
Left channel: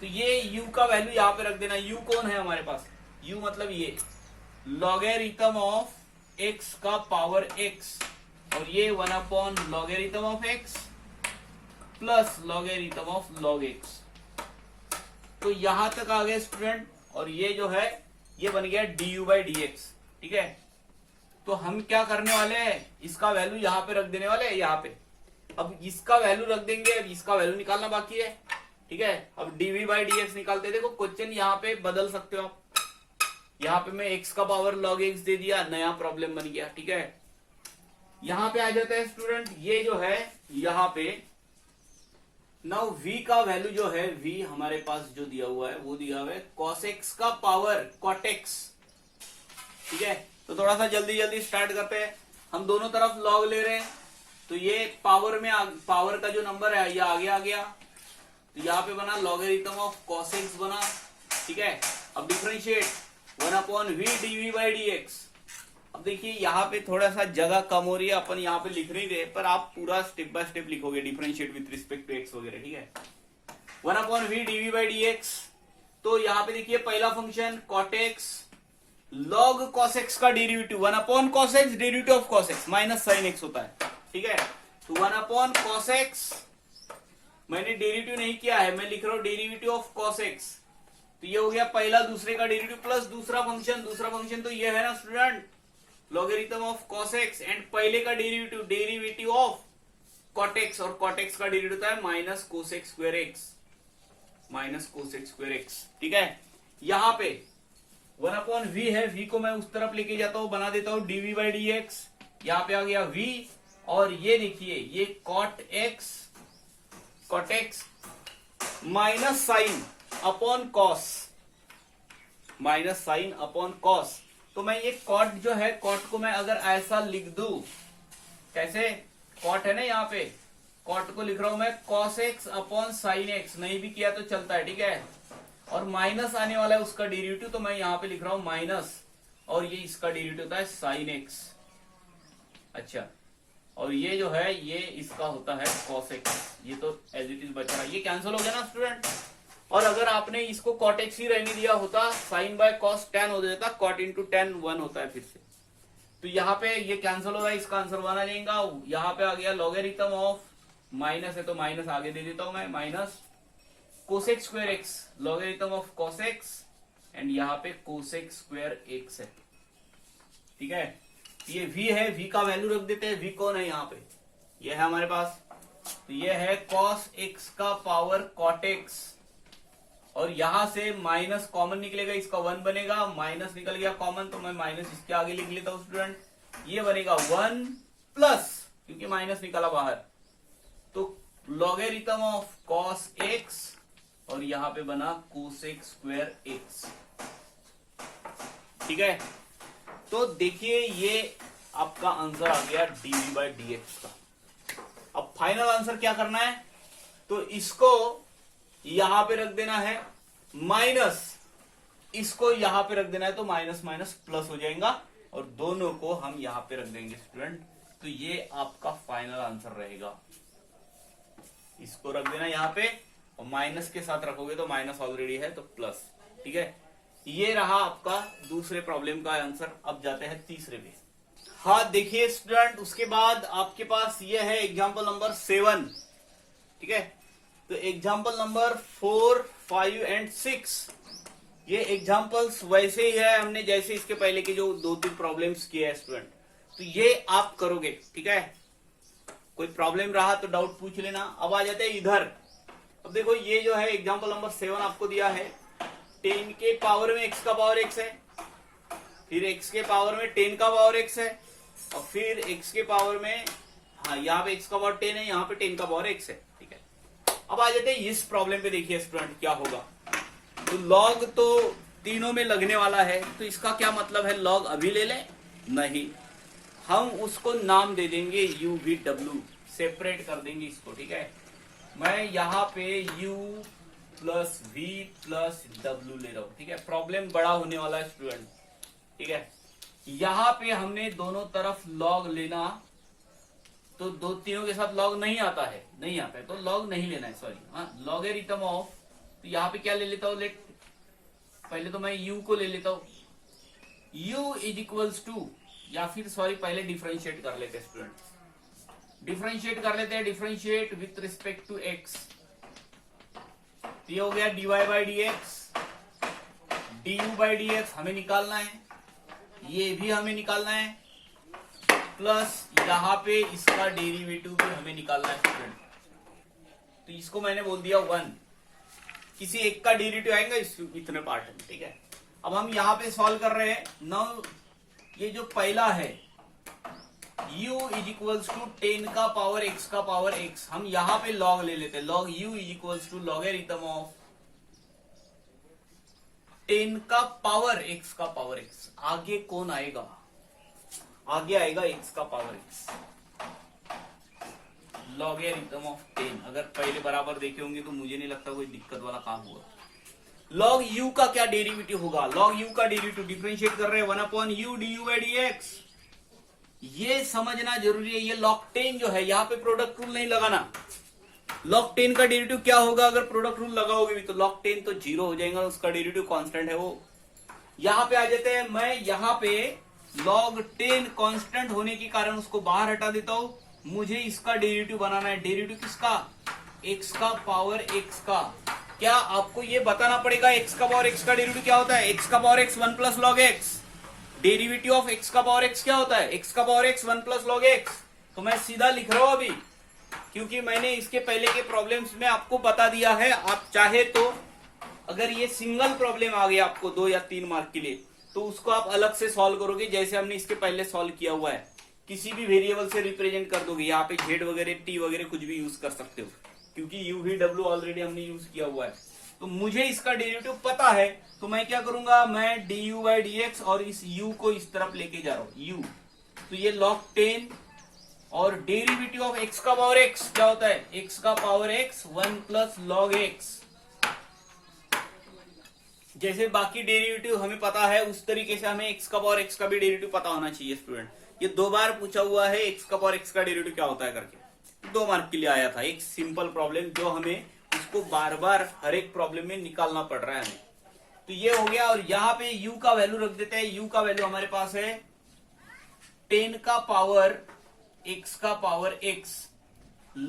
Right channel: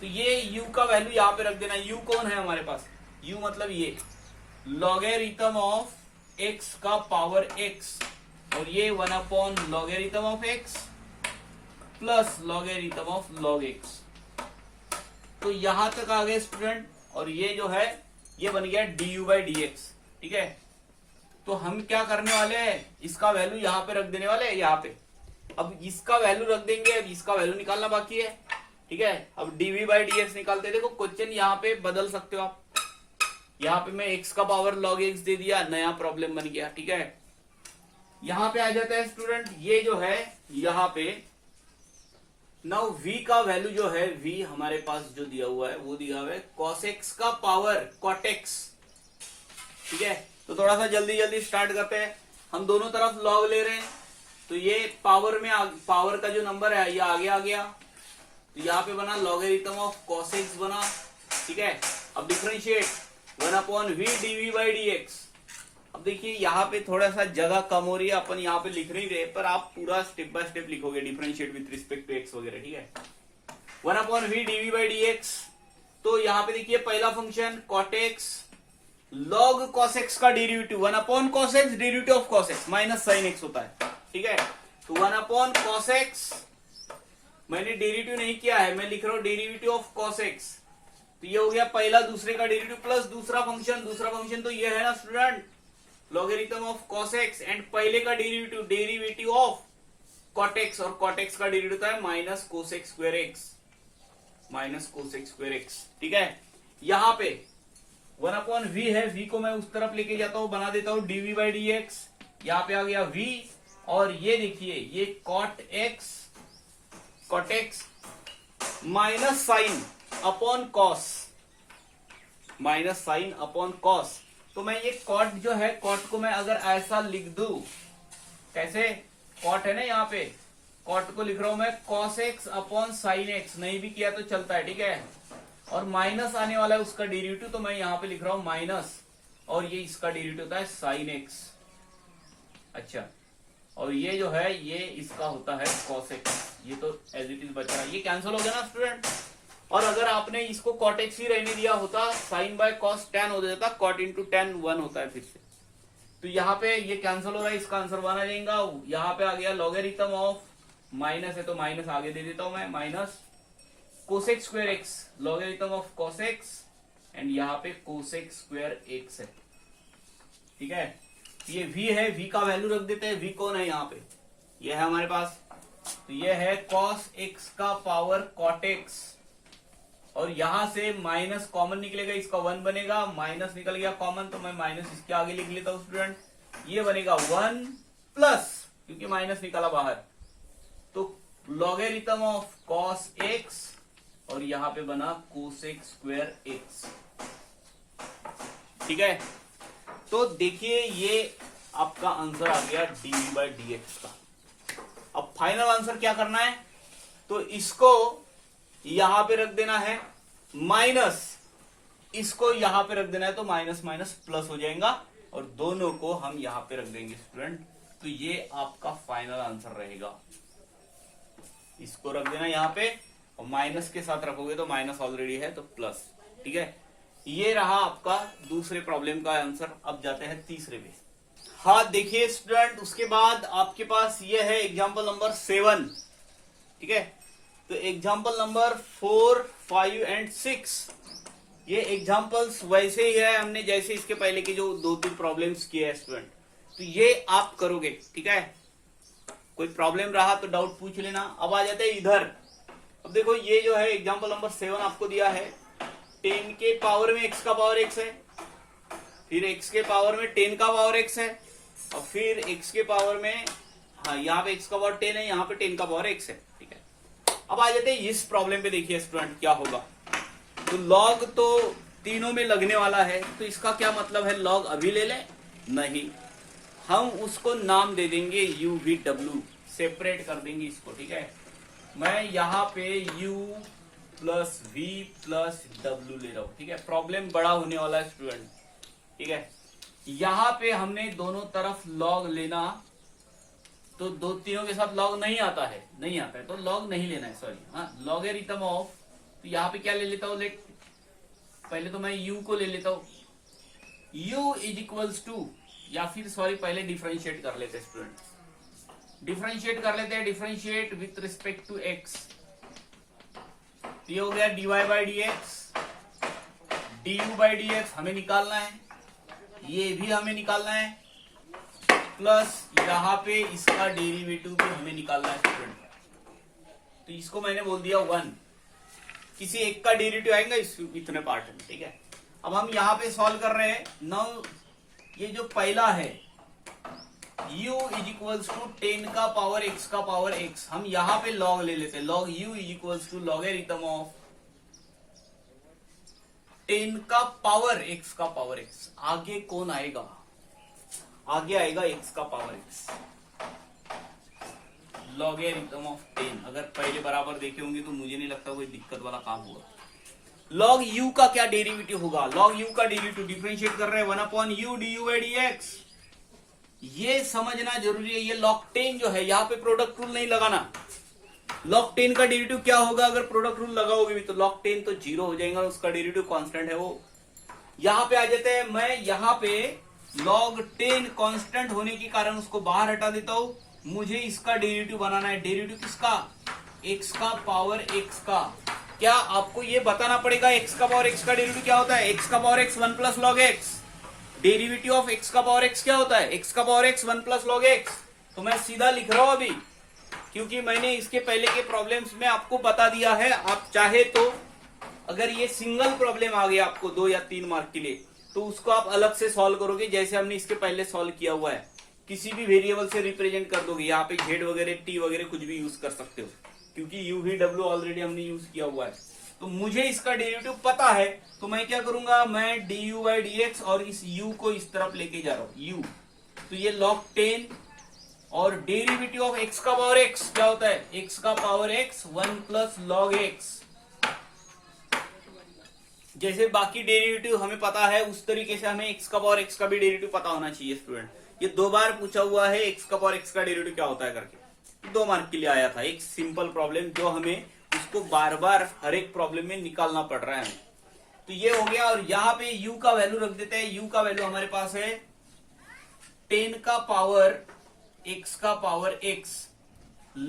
तो ये u का वैल्यू यहाँ पे रख देना, u कौन है हमारे पास, u मतलब ये लॉगरिथम ऑफ x का पावर x, और ये 1 upon logarithm of x plus logarithm of log x। तो यहां तक आ गए स्टूडेंट, और ये जो है ये बन गया du बाई dx, ठीक है। तो हम क्या करने वाले हैं, इसका वैल्यू यहाँ पे रख देने वाले हैं, यहाँ पे। अब इसका वैल्यू रख देंगे और इसका वैल्यू निकालना बाकी है, ठीक है। अब dv बाई dx निकालते, देखो क्वेश्चन यहाँ पे बदल सकते हो आप, यहाँ पे मैं x का पावर log x दे दिया, नया प्रॉब्लम बन गया, ठीक है। यहाँ पे आ जाता है स्टूडेंट, ये जो है यहाँ पे नाउ v का वैल्यू जो है, v हमारे पास जो दिया हुआ है वो दिया हुआ है cos x का पावर cot x, ठीक है। तो थोड़ा सा जल्दी स्टार्ट करते हैं, हम दोनों तरफ log ले रहे हैं, तो ये पावर का जो नंबर है ये आगे आ गया, तो यहाँ पे बना लॉगरिथम ऑफ cos x बना, ठीक है। अब differentiate 1 upon v dv by dx। अब देखिए यहाँ पे थोड़ा सा जगह कम हो रही है, अपन यहाँ पे लिख नहीं रहे, पर आप पूरा स्टेप बाय स्टेप लिखोगे, differentiate with respect to x वगैरह, ठीक है। 1 upon v dv by dx। तो यहाँ पे देखिए पहला function cot x log cos x का derivative 1 upon cos x, derivative of cos x minus sin x होता है, ठीक है। तो 1 अपॉन cos x, मैंने डेरिवेटिव नहीं किया है, मैं लिख रहा हूं डेरिवेटिव ऑफ cos x। तो ये हो गया पहला दूसरे का डेरिवेटिव प्लस दूसरा फंक्शन तो ये है ना student, logarithm of cos x, and पहले का डेरिवेटिव ऑफ cot x, और cot x का डेरिवेटिव होता है minus cos x square x, ठीक है। यहाँ पे 1 अपॉन v है, v को मैं उस तरफ लेके जाता हूं, बना देता हूं dv बाई dx, यहाँ पे आ गया v, और ये देखिए ये cot x minus sine upon cos, तो मैं ये cot जो है, cot को मैं अगर ऐसा लिख दूं, कैसे, cot है ना यहाँ पे, cot को लिख रहा हूं मैं cos x upon sin x, नहीं भी किया तो चलता है, ठीक है। और माइनस आने वाला है उसका डेरिवेटिव, तो मैं यहाँ पे लिख रहा हूं माइनस, और ये इसका डेरिवेटिव होता है sin x, अच्छा। और ये जो है ये इसका होता है cos x। ये तो एज इट इज बच रहा है, ये कैंसिल हो गया ना स्टूडेंट। और अगर आपने इसको cot x ही रहने दिया होता, साइन बाय cos tan हो जाता, cot इंटू tan 1 होता है फिर से। तो यहाँ पे ये कैंसिल हो रहा है, इसका आंसर 1 आ जाएगा। यहाँ पे आ गया लॉगरिथम ऑफ, माइनस है तो माइनस आगे दे देता हूं मैं, minus cosec square X, logarithm of cosec X, and यहाँ पे कोसेक स्क्वायर एक्स है। ठीक है, ये v है, v का वैल्यू रख देते हैं। v कौन है यहाँ पे, ये है हमारे पास, तो ये है cos x का पावर cot x, और यहां से माइनस कॉमन निकलेगा, इसका 1 बनेगा, माइनस निकल गया कॉमन तो मैं माइनस इसके आगे लिख लेता हूं स्टूडेंट। ये बनेगा 1 प्लस, क्योंकि माइनस निकला बाहर, तो लॉगरिथम ऑफ cos x, और यहां पे बना कोसेक स्क्वायर x। ठीक है, तो देखिए ये आपका आंसर आ गया dv बाई dx का। अब फाइनल आंसर क्या करना है, तो इसको यहां पे रख देना है माइनस, इसको यहां पे रख देना है, तो माइनस माइनस प्लस हो जाएगा, और दोनों को हम यहां पे रख देंगे स्टूडेंट। तो ये आपका फाइनल आंसर रहेगा। इसको रख देना यहां पे, और माइनस के साथ रखोगे तो माइनस ऑलरेडी है तो प्लस। ठीक है, ये रहा आपका दूसरे प्रॉब्लम का आंसर। अब जाते हैं तीसरे पे। हाँ देखिए स्टूडेंट, उसके बाद आपके पास ये है एग्जाम्पल नंबर 7। ठीक है, तो एग्जाम्पल नंबर 4, 5 एंड 6, ये एग्जाम्पल्स वैसे ही है हमने जैसे इसके पहले की जो 2-3 प्रॉब्लम्स किए हैं स्टूडेंट, तो ये आप करोगे। ठीक है, कोई प्रॉब्लम रहा तो डाउट पूछ लेना। अब आ जाते हैं इधर। अब देखो ये जो है एग्जाम्पल नंबर 7 आपको दिया है, 10 के पावर में x का पावर x है, फिर x के पावर में 10 का पावर x है, और फिर x के पावर में, हाँ यहाँ पे x का पावर 10 है, यहाँ पे 10 का पावर x है। ठीक है, अब आ जाते हैं इस प्रॉब्लम पे। देखिए स्टूडेंट क्या होगा, तो लॉग तो तीनों में लगने वाला है, तो इसका क्या मतलब है, लॉग अभी ले लें, नहीं, हम उसको नाम दे देंगे u v w, सेपरेट कर देंगे इसको। ठीक है, मैं यहाँ पे u plus v plus w ले रहा हूं। ठीक है, प्रॉब्लम बड़ा होने वाला है स्टूडेंट। ठीक है, यहाँ पे हमने दोनों तरफ लॉग लेना, तो दो तीनों के साथ लॉग नहीं आता है, नहीं आता है तो लॉग नहीं लेना है, सॉरी। हाँ, लॉगरिथम ऑफ, तो यहाँ पे क्या ले लेता हूँ, लेट पहले तो मैं u को ले लेता हूँ, u इज इक्वल्स टू, या फिर सॉरी पहले डिफरेंशिएट कर लेते हैं स्टूडेंट, डिफरेंशिएट कर लेते हैं, differentiate with respect to x। ये हो गया dy by D X, du by D X हमें निकालना है, ये भी हमें निकालना है, प्लस यहाँ पे इसका डेरिवेटिव भी हमें निकालना है स्टूडेंट। तो इसको मैंने बोल दिया 1, किसी एक का डेरिवेटिव आएगा इतने पार्ट में। ठीक है, अब हम यहाँ पे सॉल्व कर रहे हैं। नाउ ये जो पहला है u इज इक्वल्स टू 10 का पावर x का पावर x, हम यहाँ पे लॉग ले लेते हैं, log u is equals to logarithm of 10 का पावर x का पावर x। आगे कौन आएगा, आगे आएगा x का पावर x, लॉगरिथम ऑफ 10। अगर पहले बराबर देखे होंगे तो मुझे नहीं लगता कोई दिक्कत वाला काम होगा। लॉग u का क्या डेरिवेटिव होगा, लॉग u का डेरिवेटिव डिफरेंशिएट कर रहे हैं 1 upon u du by dx। ये समझना जरूरी है। ये log 10 जो है, यहाँ पे प्रोडक्ट रूल नहीं लगाना। log 10 का डेरिवेटिव क्या होगा, अगर प्रोडक्ट रूल लगाओगे भी तो log 10 तो 0 हो जाएगा, उसका डेरिवेटिव कांस्टेंट है वो। यहाँ पे आ जाते हैं, मैं यहाँ पे log 10 कांस्टेंट होने के कारण उसको बाहर हटा देता हूं। मुझे इसका डेरिवेटिव बनाना है, डेरिवेटिव किसका, x का पावर x का। क्या आपको ये बताना पड़ेगा x का पावर x का डेरिवेटिव क्या होता है, x का power x 1 plus log x। Derivative of x का पावर x क्या होता है, x का power x 1 plus log x। तो मैं सीधा लिख रहा हूं अभी, क्योंकि मैंने इसके पहले के प्रॉब्लम्स में आपको बता दिया है। आप चाहे तो अगर ये सिंगल प्रॉब्लम आ गया आपको 2 या 3 मार्क के लिए, तो उसको आप अलग से सॉल्व करोगे, जैसे हमने इसके पहले सॉल्व किया हुआ है। किसी भी वेरिएबल से रिप्रेजेंट कर दोगे, यहाँ पे z वगैरह t वगैरह कुछ भी यूज कर सकते हो, क्योंकि u v w ऑलरेडी हमने यूज किया हुआ है। तो मुझे इसका डेरिवेटिव पता है, तो मैं क्या करूंगा, मैं du बाई dx और इस u को इस तरफ लेके जा रहा हूं u। तो ये log 10 और डेरिवेटिव ऑफ x का पावर x क्या होता है, x का power x 1 plus log x। जैसे बाकी डेरिवेटिव हमें पता है, उस तरीके से हमें x का पावर x का भी डेरिवेटिव पता होना चाहिए स्टूडेंट। ये 2 बार पूछा हुआ है एक्स का पावर एक्स का डेरिवेटिव क्या होता है करके, 2 मार्क के लिए आया था। एक सिंपल प्रॉब्लम जो हमें उसको बार बार हर एक प्रॉब्लम में निकालना पड़ रहा है हमें। तो ये हो गया, और यहाँ पे u का वैल्यू रख देते हैं। u का वैल्यू हमारे पास है 10 का पावर x का पावर x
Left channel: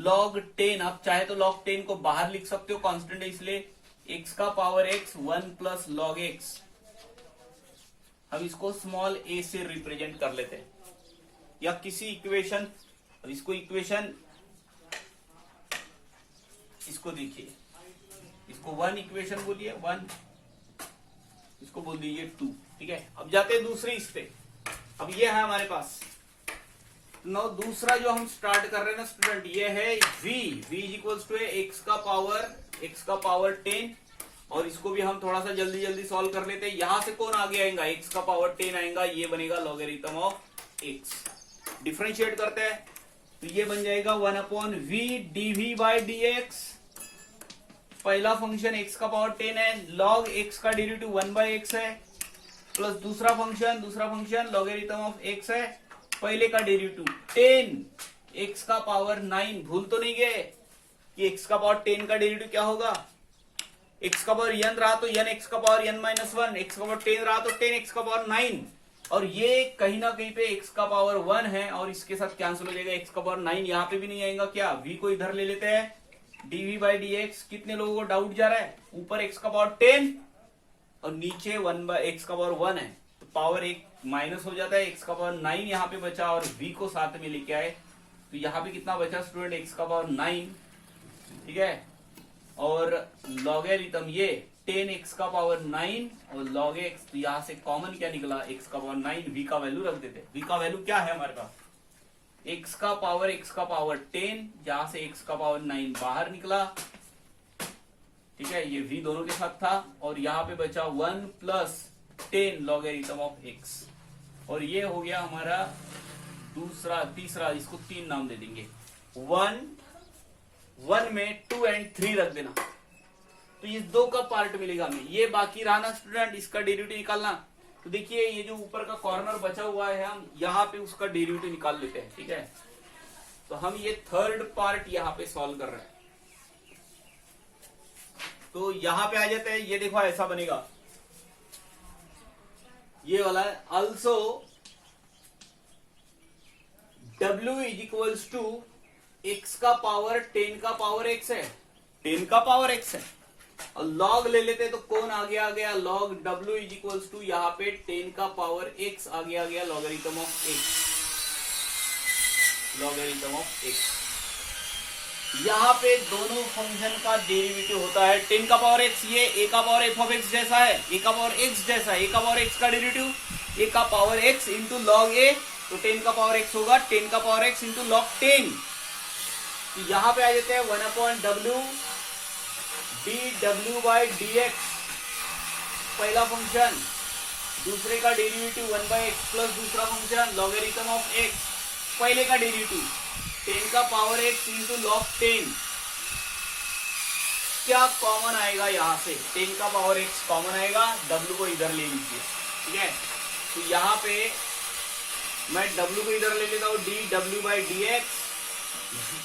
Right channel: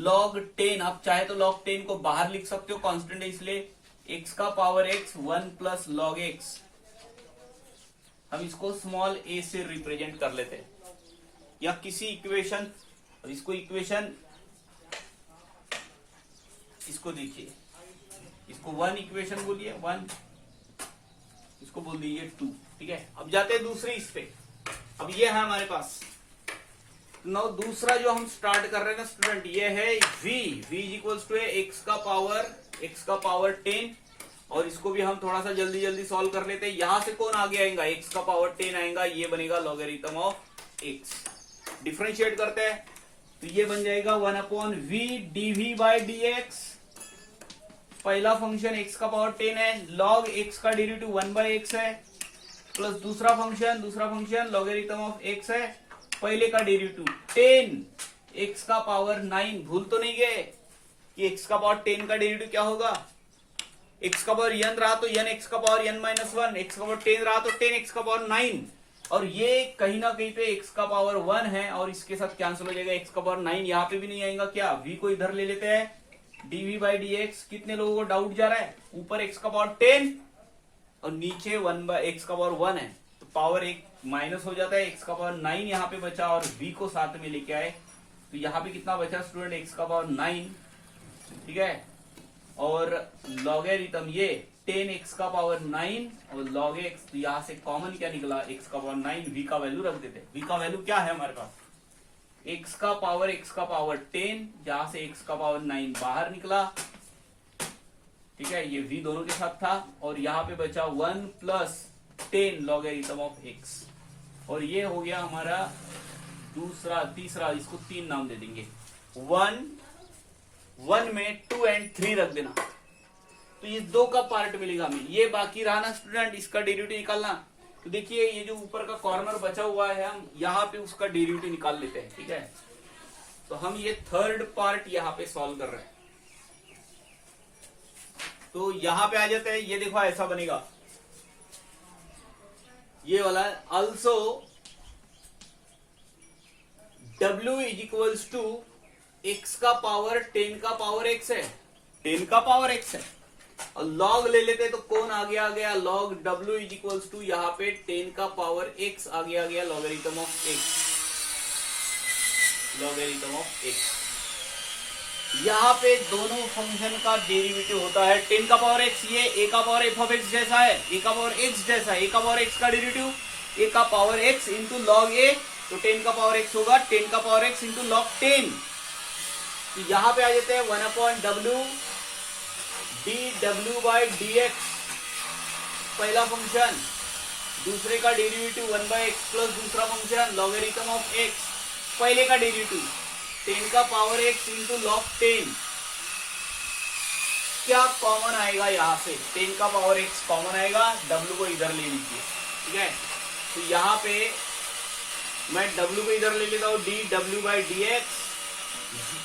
log 10। आप चाहे तो log 10 को बाहर लिख सकते हो, कांस्टेंट है इसलिए x का power x 1 plus log x। हम इसको स्मॉल a से रिप्रेजेंट कर लेते हैं, या किसी इक्वेशन, इसको इक्वेशन, इसको देखिए, इसको 1 इक्वेशन बोलिए 1, इसको बोल दीजिए 2। ठीक है, अब जाते हैं दूसरे इस पे। अब ये है हमारे पास नो दूसरा जो हम स्टार्ट कर रहे हैं ना स्टूडेंट, ये है v is equals to x का पावर 10, और इसको भी हम थोड़ा सा जल्दी जल्दी सॉल्व कर लेते हैं। यहां से कौन आगे आएगा, x का पावर 10 आएगा, ये बनेगा लॉगरिथम ऑफ x। डिफरेंशिएट करते हैं तो ये बन जाएगा 1/v dv बाई dx। पहला फंक्शन x का पावर 10 है, log x का डेरिवेटिव 1/x है, प्लस दूसरा फंक्शन लॉगरिथम ऑफ x है, पहले का डेरिवेटिव 10 x का पावर 9। भूल तो नहीं गए कि x का पावर 10 का डेरिवेटिव क्या होगा, x का पावर n रहा तो n x का पावर n माइनस 1, x का पावर 10 रहा तो 10 x का पावर 9, और ये कहीं ना कहीं पे x का पावर 1 है, और इसके साथ कैंसिल हो जाएगा, x का पावर 9 यहाँ पे भी नहीं आएगा। क्या v को इधर ले लेते हैं, dv बाई dx। कितने लोगों को डाउट जा रहा है, ऊपर x का पावर 10 और नीचे 1/x का पावर 1 है, तो पावर एक माइनस हो जाता है, x का पावर 9 यहाँ पे बचा, और v को साथ में लेके आए, तो यहाँ पे कितना बचा स्टूडेंट, x का पावर 9। ठीक है, और लॉगरिथम ये 10x का पावर 9 और log x, तो यहां से कॉमन क्या निकला, x का पावर 9। v का वैल्यू रख देते, v का वैल्यू क्या है हमारे पास, x का पावर 10, जहां से x का पावर 9 बाहर निकला। ठीक है, ये v दोनों के साथ था, और यहाँ पे बचा 1 प्लस 10 लॉगरिथम ऑफ x, और ये हो गया हमारा तीसरा, इसको 3 नाम दे देंगे। 1 में 2 और 3 रख देना, तो ये 2 का पार्ट मिलेगा हमें। ये बाकी रहा ना स्टूडेंट, इसका डेरिवेटिव निकालना। तो देखिए ये जो ऊपर का कॉर्नर बचा हुआ है, हम यहाँ पे उसका डेरिवेटिव निकाल लेते हैं। ठीक है, तो हम ये थर्ड पार्ट यहाँ पे सॉल्व कर रहे हैं, तो यहाँ पे आ जाते हैं। ये देखो ऐसा बनेगा, ये वाला है, also w is equals to x का पावर 10 का पावर x है, 10 का पावर x है, और log ले लेते हैं तो कौन आगे आ गया, log w is equals to यहाँ पे 10 का पावर x आगे आ गया, लॉगरिथम ऑफ x। यहाँ पे दोनों फंक्शन का डेरिवेटिव होता है 10 का पावर x, ये a का पावर f ऑफ x जैसा है, a का पावर x जैसा है, a का पावर x का डेरिवेटिव a का power x into log a, तो 10 का पावर x होगा 10 का पावर x इंटू लॉग 10। तो यहाँ पे आ जाते हैं 1/w dw बाई dx, पहला फंक्शन, दूसरे का डेरिवेटिव 1/x प्लस दूसरा फंक्शन लॉगरिथम ऑफ x, पहले का डेरिवेटिव 10 का पावर x इंटू लॉग 10। क्या कॉमन आएगा, यहाँ से 10 का पावर x कॉमन आएगा, w को इधर ले लीजिए। ठीक है, तो यहाँ पे मैं w को इधर ले लेता हूँ, dw बाई dx,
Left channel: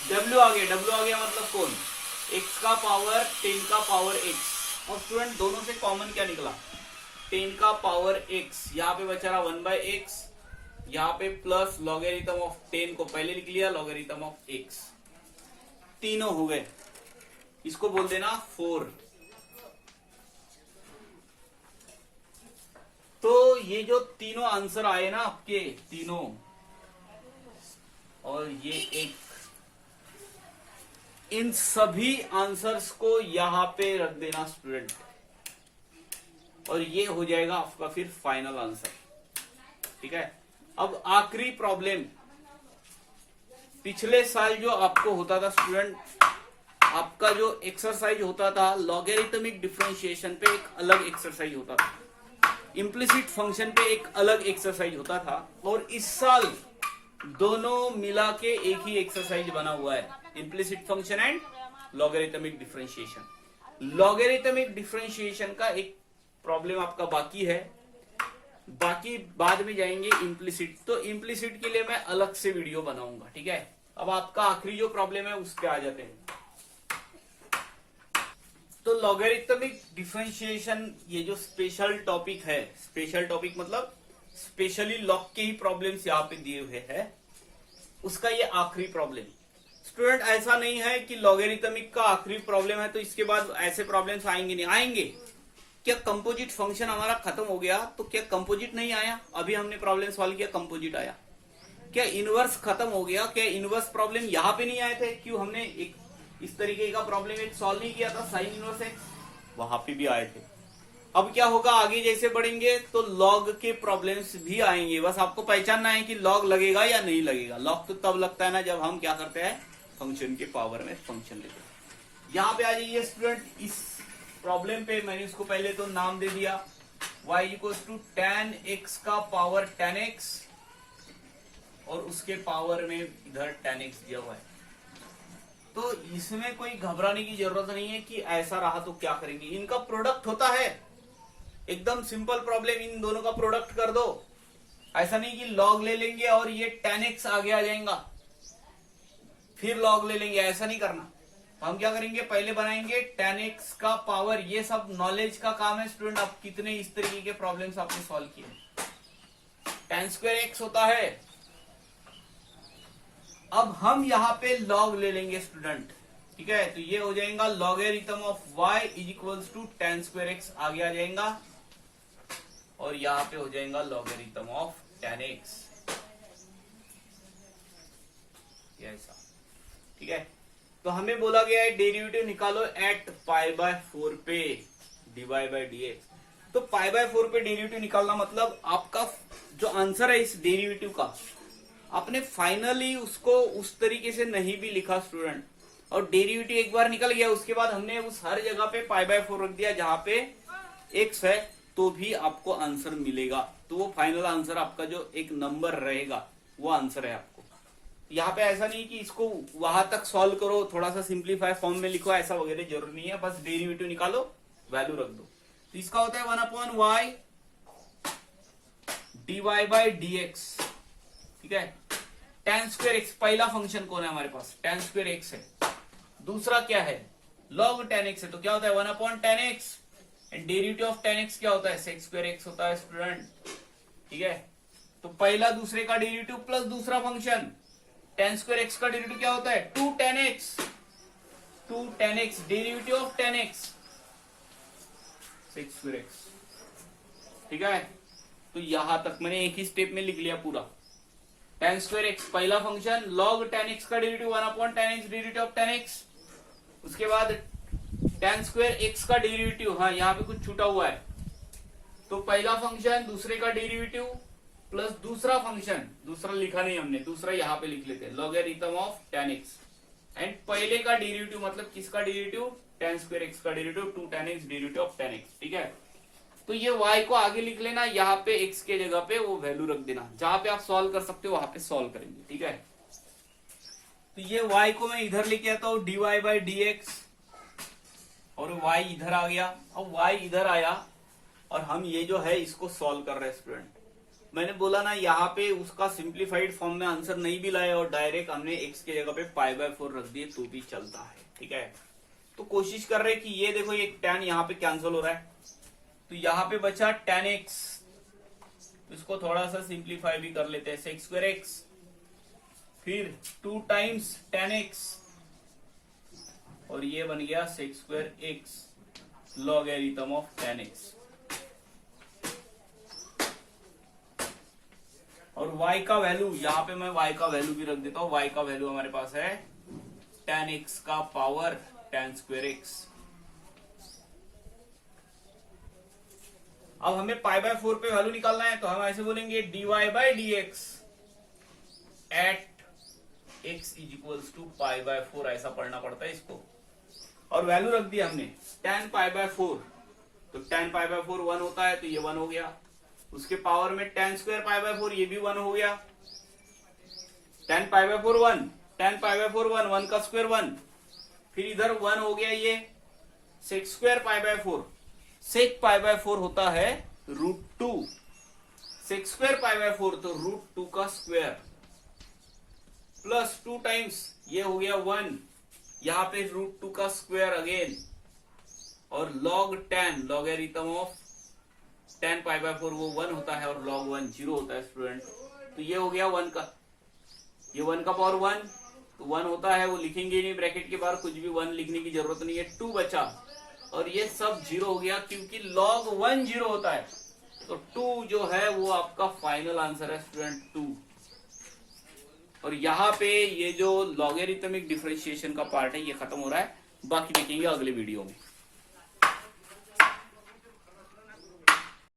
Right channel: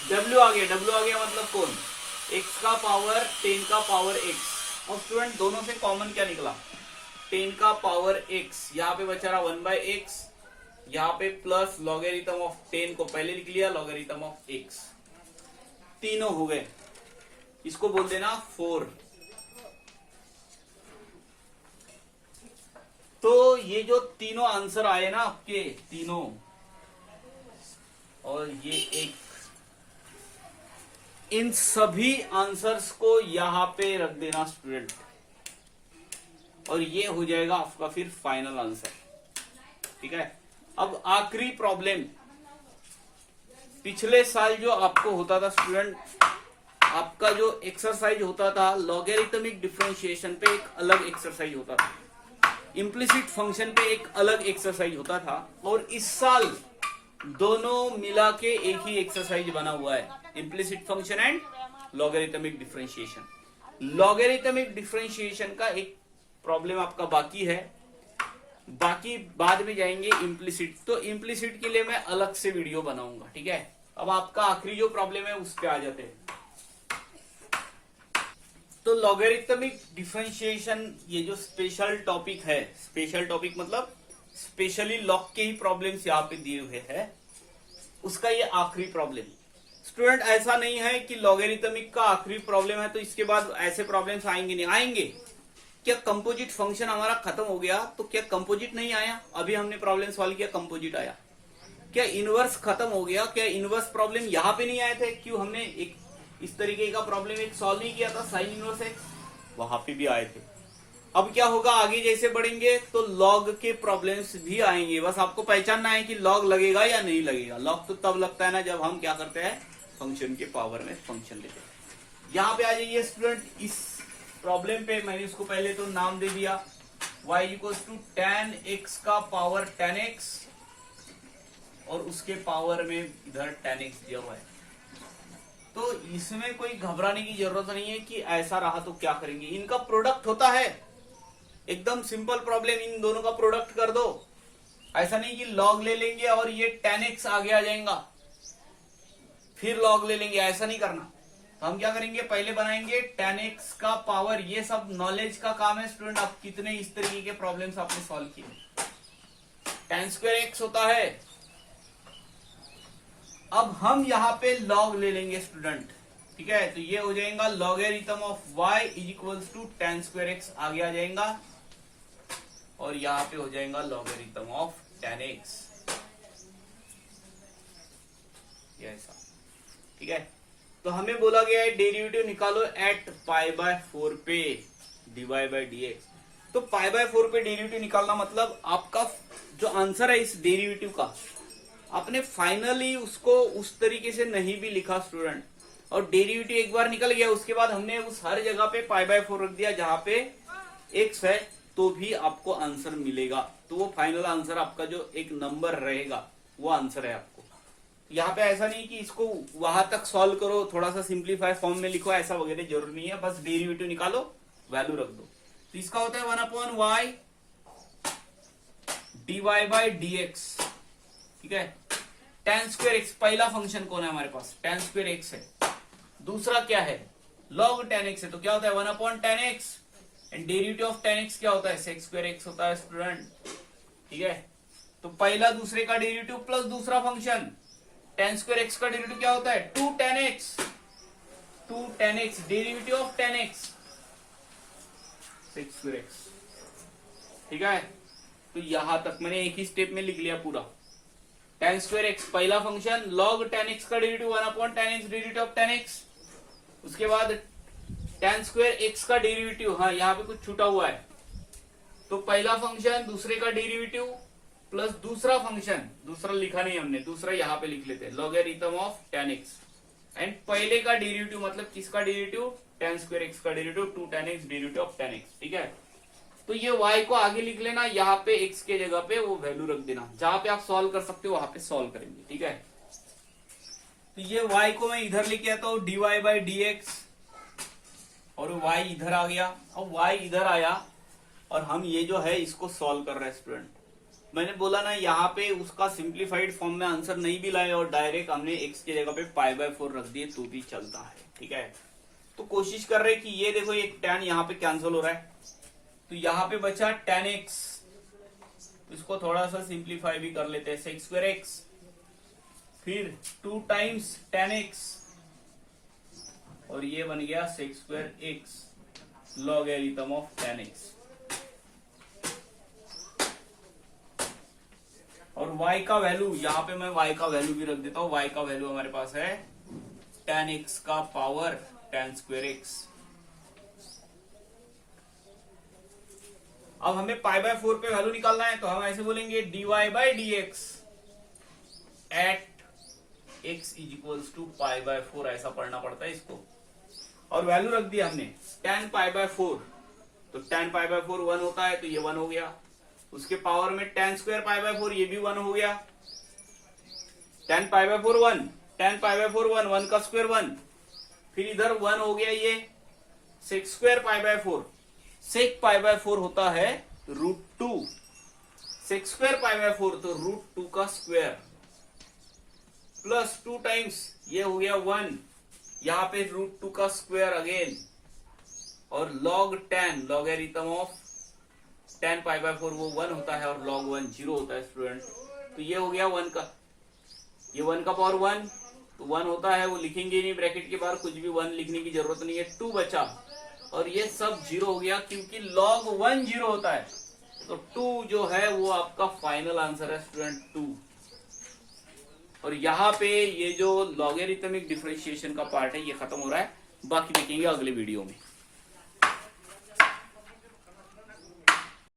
w आ गया मतलब कौन, x का पावर 10 का पावर x, और स्टूडेंट दोनों से कॉमन क्या निकला, 10 का पावर x, यहाँ पे बचा रहा 1/x, यहाँ पे प्लस लॉगरिथम ऑफ 10 को पहले लिख लिया, लॉगरिथम ऑफ x, तीनों हो गए, इसको बोल देना 4। तो ये जो तीनों आंसर आए ना आपके तीनों, और ये एक, इन सभी आंसर्स को यहां पे रख देना स्टूडेंट, और ये हो जाएगा आपका फिर फाइनल आंसर। ठीक है, अब आखिरी प्रॉब्लम, पिछले साल जो आपको होता था स्टूडेंट, आपका जो एक्सरसाइज होता था लॉगरिथमिक डिफरेंशिएशन पे एक अलग एक्सरसाइज होता था, इम्प्लिसिट फंक्शन पे एक अलग एक्सरसाइज होता था, और इस साल दोनों मिला के एक ही एक्सरसाइज बना हुआ है, implicit function and logarithmic differentiation. Logarithmic differentiation का एक प्रॉब्लम आपका बाकी है, बाकी बाद में जाएंगे इम्प्लिसिट। तो इम्प्लिसिट के लिए मैं अलग से वीडियो बनाऊंगा, ठीक है। अब आपका आखिरी जो प्रॉब्लम है उस पे आ जाते हैं। तो लॉगरिथमिक डिफरेंशिएशन ये जो स्पेशल टॉपिक है, स्पेशल टॉपिक मतलब स्पेशली लॉग के ही प्रॉब्लम्स यहाँ पे दिए हुए हैं, उसका ये आखिरी प्रॉब्लम। स्टूडेंट ऐसा नहीं है कि लॉगरिथमिक का आखिरी प्रॉब्लम है तो इसके बाद ऐसे प्रॉब्लम्स आएंगे नहीं, आएंगे। क्या कंपोजिट फंक्शन हमारा खत्म हो गया तो क्या कंपोजिट नहीं आया? अभी हमने प्रॉब्लम सॉल्व किया, कंपोजिट आया। क्या इनवर्स खत्म हो गया? क्या इनवर्स प्रॉब्लम यहाँ पे नहीं आए थे? क्यों हमने एक इस तरीके का प्रॉब्लम एक सॉल्व नहीं किया था, साइन इनवर्स एक्स, वहां पे भी आए थे। अब क्या होगा, आगे जैसे बढ़ेंगे तो लॉग के प्रॉब्लम्स भी आएंगे। बस आपको पहचानना है कि लॉग लगेगा या नहीं लगेगा। लॉग तो तब लगता है ना जब हम क्या करते हैं, फंक्शन के पावर में फंक्शन लेते हैं। यहां पे आ जाइए स्टूडेंट, इस प्रॉब्लम पे मैंने उसको पहले तो नाम दे दिया y equals to tan x का पावर tan x, और उसके पावर में इधर tan x दिया हुआ है। तो इसमें कोई घबराने की जरूरत नहीं है कि ऐसा रहा तो क्या करेंगे। इनका प्रोडक्ट होता है, एकदम सिंपल प्रॉब्लम, इन दोनों का प्रोडक्ट कर दो। ऐसा नहीं कि लॉग ले लेंगे और ये tan x आगे आ जाएगा फिर लॉग ले लेंगे, ऐसा नहीं करना। तो हम क्या करेंगे, पहले बनाएंगे tan x का पावर। ये सब नॉलेज का काम है स्टूडेंट। आप कितने इस तरीके के प्रॉब्लम्स आपने सॉल्व किए। tan स्क्वायर x होता है। अब हम यहाँ पे लॉग ले लेंगे स्टूडेंट, ठीक है। तो ये हो जाएगा logarithm of y is equals to tan square x आगे आ जाएगा, और यहाँ पे हो जाएगा लॉगरिथम ऑफ tan x, ऐसा, ठीक है। तो हमें बोला गया है डेरिवेटिव निकालो एट π/4 पे dy बाई dx। तो π/4 पे डेरिवेटिव निकालना मतलब आपका जो आंसर है इस डेरिवेटिव का, आपने फाइनली उसको उस तरीके से नहीं भी लिखा स्टूडेंट, और डेरिवेटिव एक बार निकल गया उसके बाद हमने उस हर जगह पे π/4 रख दिया जहां पे x है, तो भी आपको आंसर मिलेगा। तो वो फाइनल आंसर आपका जो एक नंबर रहेगा वो आंसर है आपको। यहाँ पे ऐसा नहीं कि इसको वहां तक सॉल्व करो, थोड़ा सा सिंप्लीफाई फॉर्म में लिखो, ऐसा वगैरह जरूरी नहीं है। बस डेरिवेटिव निकालो, वैल्यू रख दो। तो इसका होता है 1/y dy बाई dx, ठीक है। tan स्क्वायर x पहला फंक्शन कौन है हमारे पास, tan स्क्वायर x है। दूसरा क्या है, log tan x है। तो क्या होता है 1/tan x, and derivative of tan x क्या होता है, sec स्क्वायर x होता है स्टूडेंट, ठीक है। तो पहला दूसरे का डेरिवेटिव प्लस दूसरा फंक्शन tan स्क्वायर x का डेरिवेटिव क्या होता है 2tan x, derivative of tan x sec square x, ठीक है। तो यहां तक मैंने एक ही स्टेप में लिख लिया पूरा। tan स्क्वायर x पहला फंक्शन, log tan x का derivative 1/tan x, derivative of tan x। उसके बाद tan स्क्वायर x का डेरिवेटिव, हाँ यहाँ पे कुछ छूटा हुआ है, तो पहला फंक्शन दूसरे का डेरिवेटिव प्लस दूसरा फंक्शन, दूसरा लिखा नहीं हमने, दूसरा यहाँ पे लिख लेते हैं logarithm of tan x, and पहले का डेरिवेटिव मतलब किसका डेरिवेटिव, tan स्क्वायर x का derivative 2tan x, derivative of tan x, ठीक है। तो ये y को आगे लिख लेना, यहाँ पे x के जगह पे वो वैल्यू रख देना, जहां पे आप सॉल्व कर सकते हो वहां पे सॉल्व करेंगे, ठीक है। तो ये y को मैं इधर लेके आता हूं dy बाई dx, और y इधर आ गया। अब y इधर आया और हम ये जो है इसको सॉल्व कर रहे हैं स्टूडेंट। मैंने बोला ना यहाँ पे उसका सिंप्लीफाइड फॉर्म में आंसर नहीं भी लाए और डायरेक्ट हमने x के जगह पे π/4 रख दिए तो भी चलता है, ठीक है। तो कोशिश कर रहे कि ये देखो एक tan यहाँ पे कैंसिल हो रहा है, तो यहाँ पे बचा tan x, तो इसको थोड़ा सा सिंप्लीफाई भी कर लेते हैं, sec स्क्वायर x, फिर 2 टाइम्स tan x, और ये बन गया sec square x logarithm of tan x। और y का वैल्यू, यहाँ पे मैं y का वैल्यू भी रख देता हूं। y का वैल्यू हमारे पास है tan x का पावर tan स्क्वायर x। अब हमें π/4 पे वैल्यू निकालना है, तो हम ऐसे बोलेंगे dy by dx at x is equals to π/4, ऐसा पढ़ना पड़ता है इसको। और वैल्यू रख दिया हमने tan π/4, तो tan π/4 1 होता है, तो ये 1 हो गया। उसके पावर में tan स्क्वायर π/4, ये भी 1 हो गया। tan π/4 1, tan π/4 1, 1 का स्क्वायर 1, फिर इधर 1 हो गया ये sec स्क्वायर π/4। sec π/4 होता है √2, सेक्स स्क्वायर पाई बाय 4 तो √2 का स्क्वायर प्लस 2 टाइम्स ये हो गया 1, यहां पे √2 का स्क्वायर अगेन, और log 10 logarithm of 10 pi by 4 वो 1 होता है और log 1 0 होता है स्टूडेंट। तो ये हो गया 1 का, ये 1 का पावर 1 तो 1 होता है, वो लिखेंगे नहीं ब्रैकेट के बाहर, कुछ भी 1 लिखने की जरूरत नहीं है। 2 बचा और ये सब 0 हो गया क्योंकि log 1 0 होता है। तो 2 जो है वो आपका फाइनल आंसर है स्टूडेंट 2। और यहाँ पे ये जो लॉगरिथमिक डिफरेंशिएशन का पार्ट है ये खत्म हो रहा है, बाकी देखेंगे अगले वीडियो में।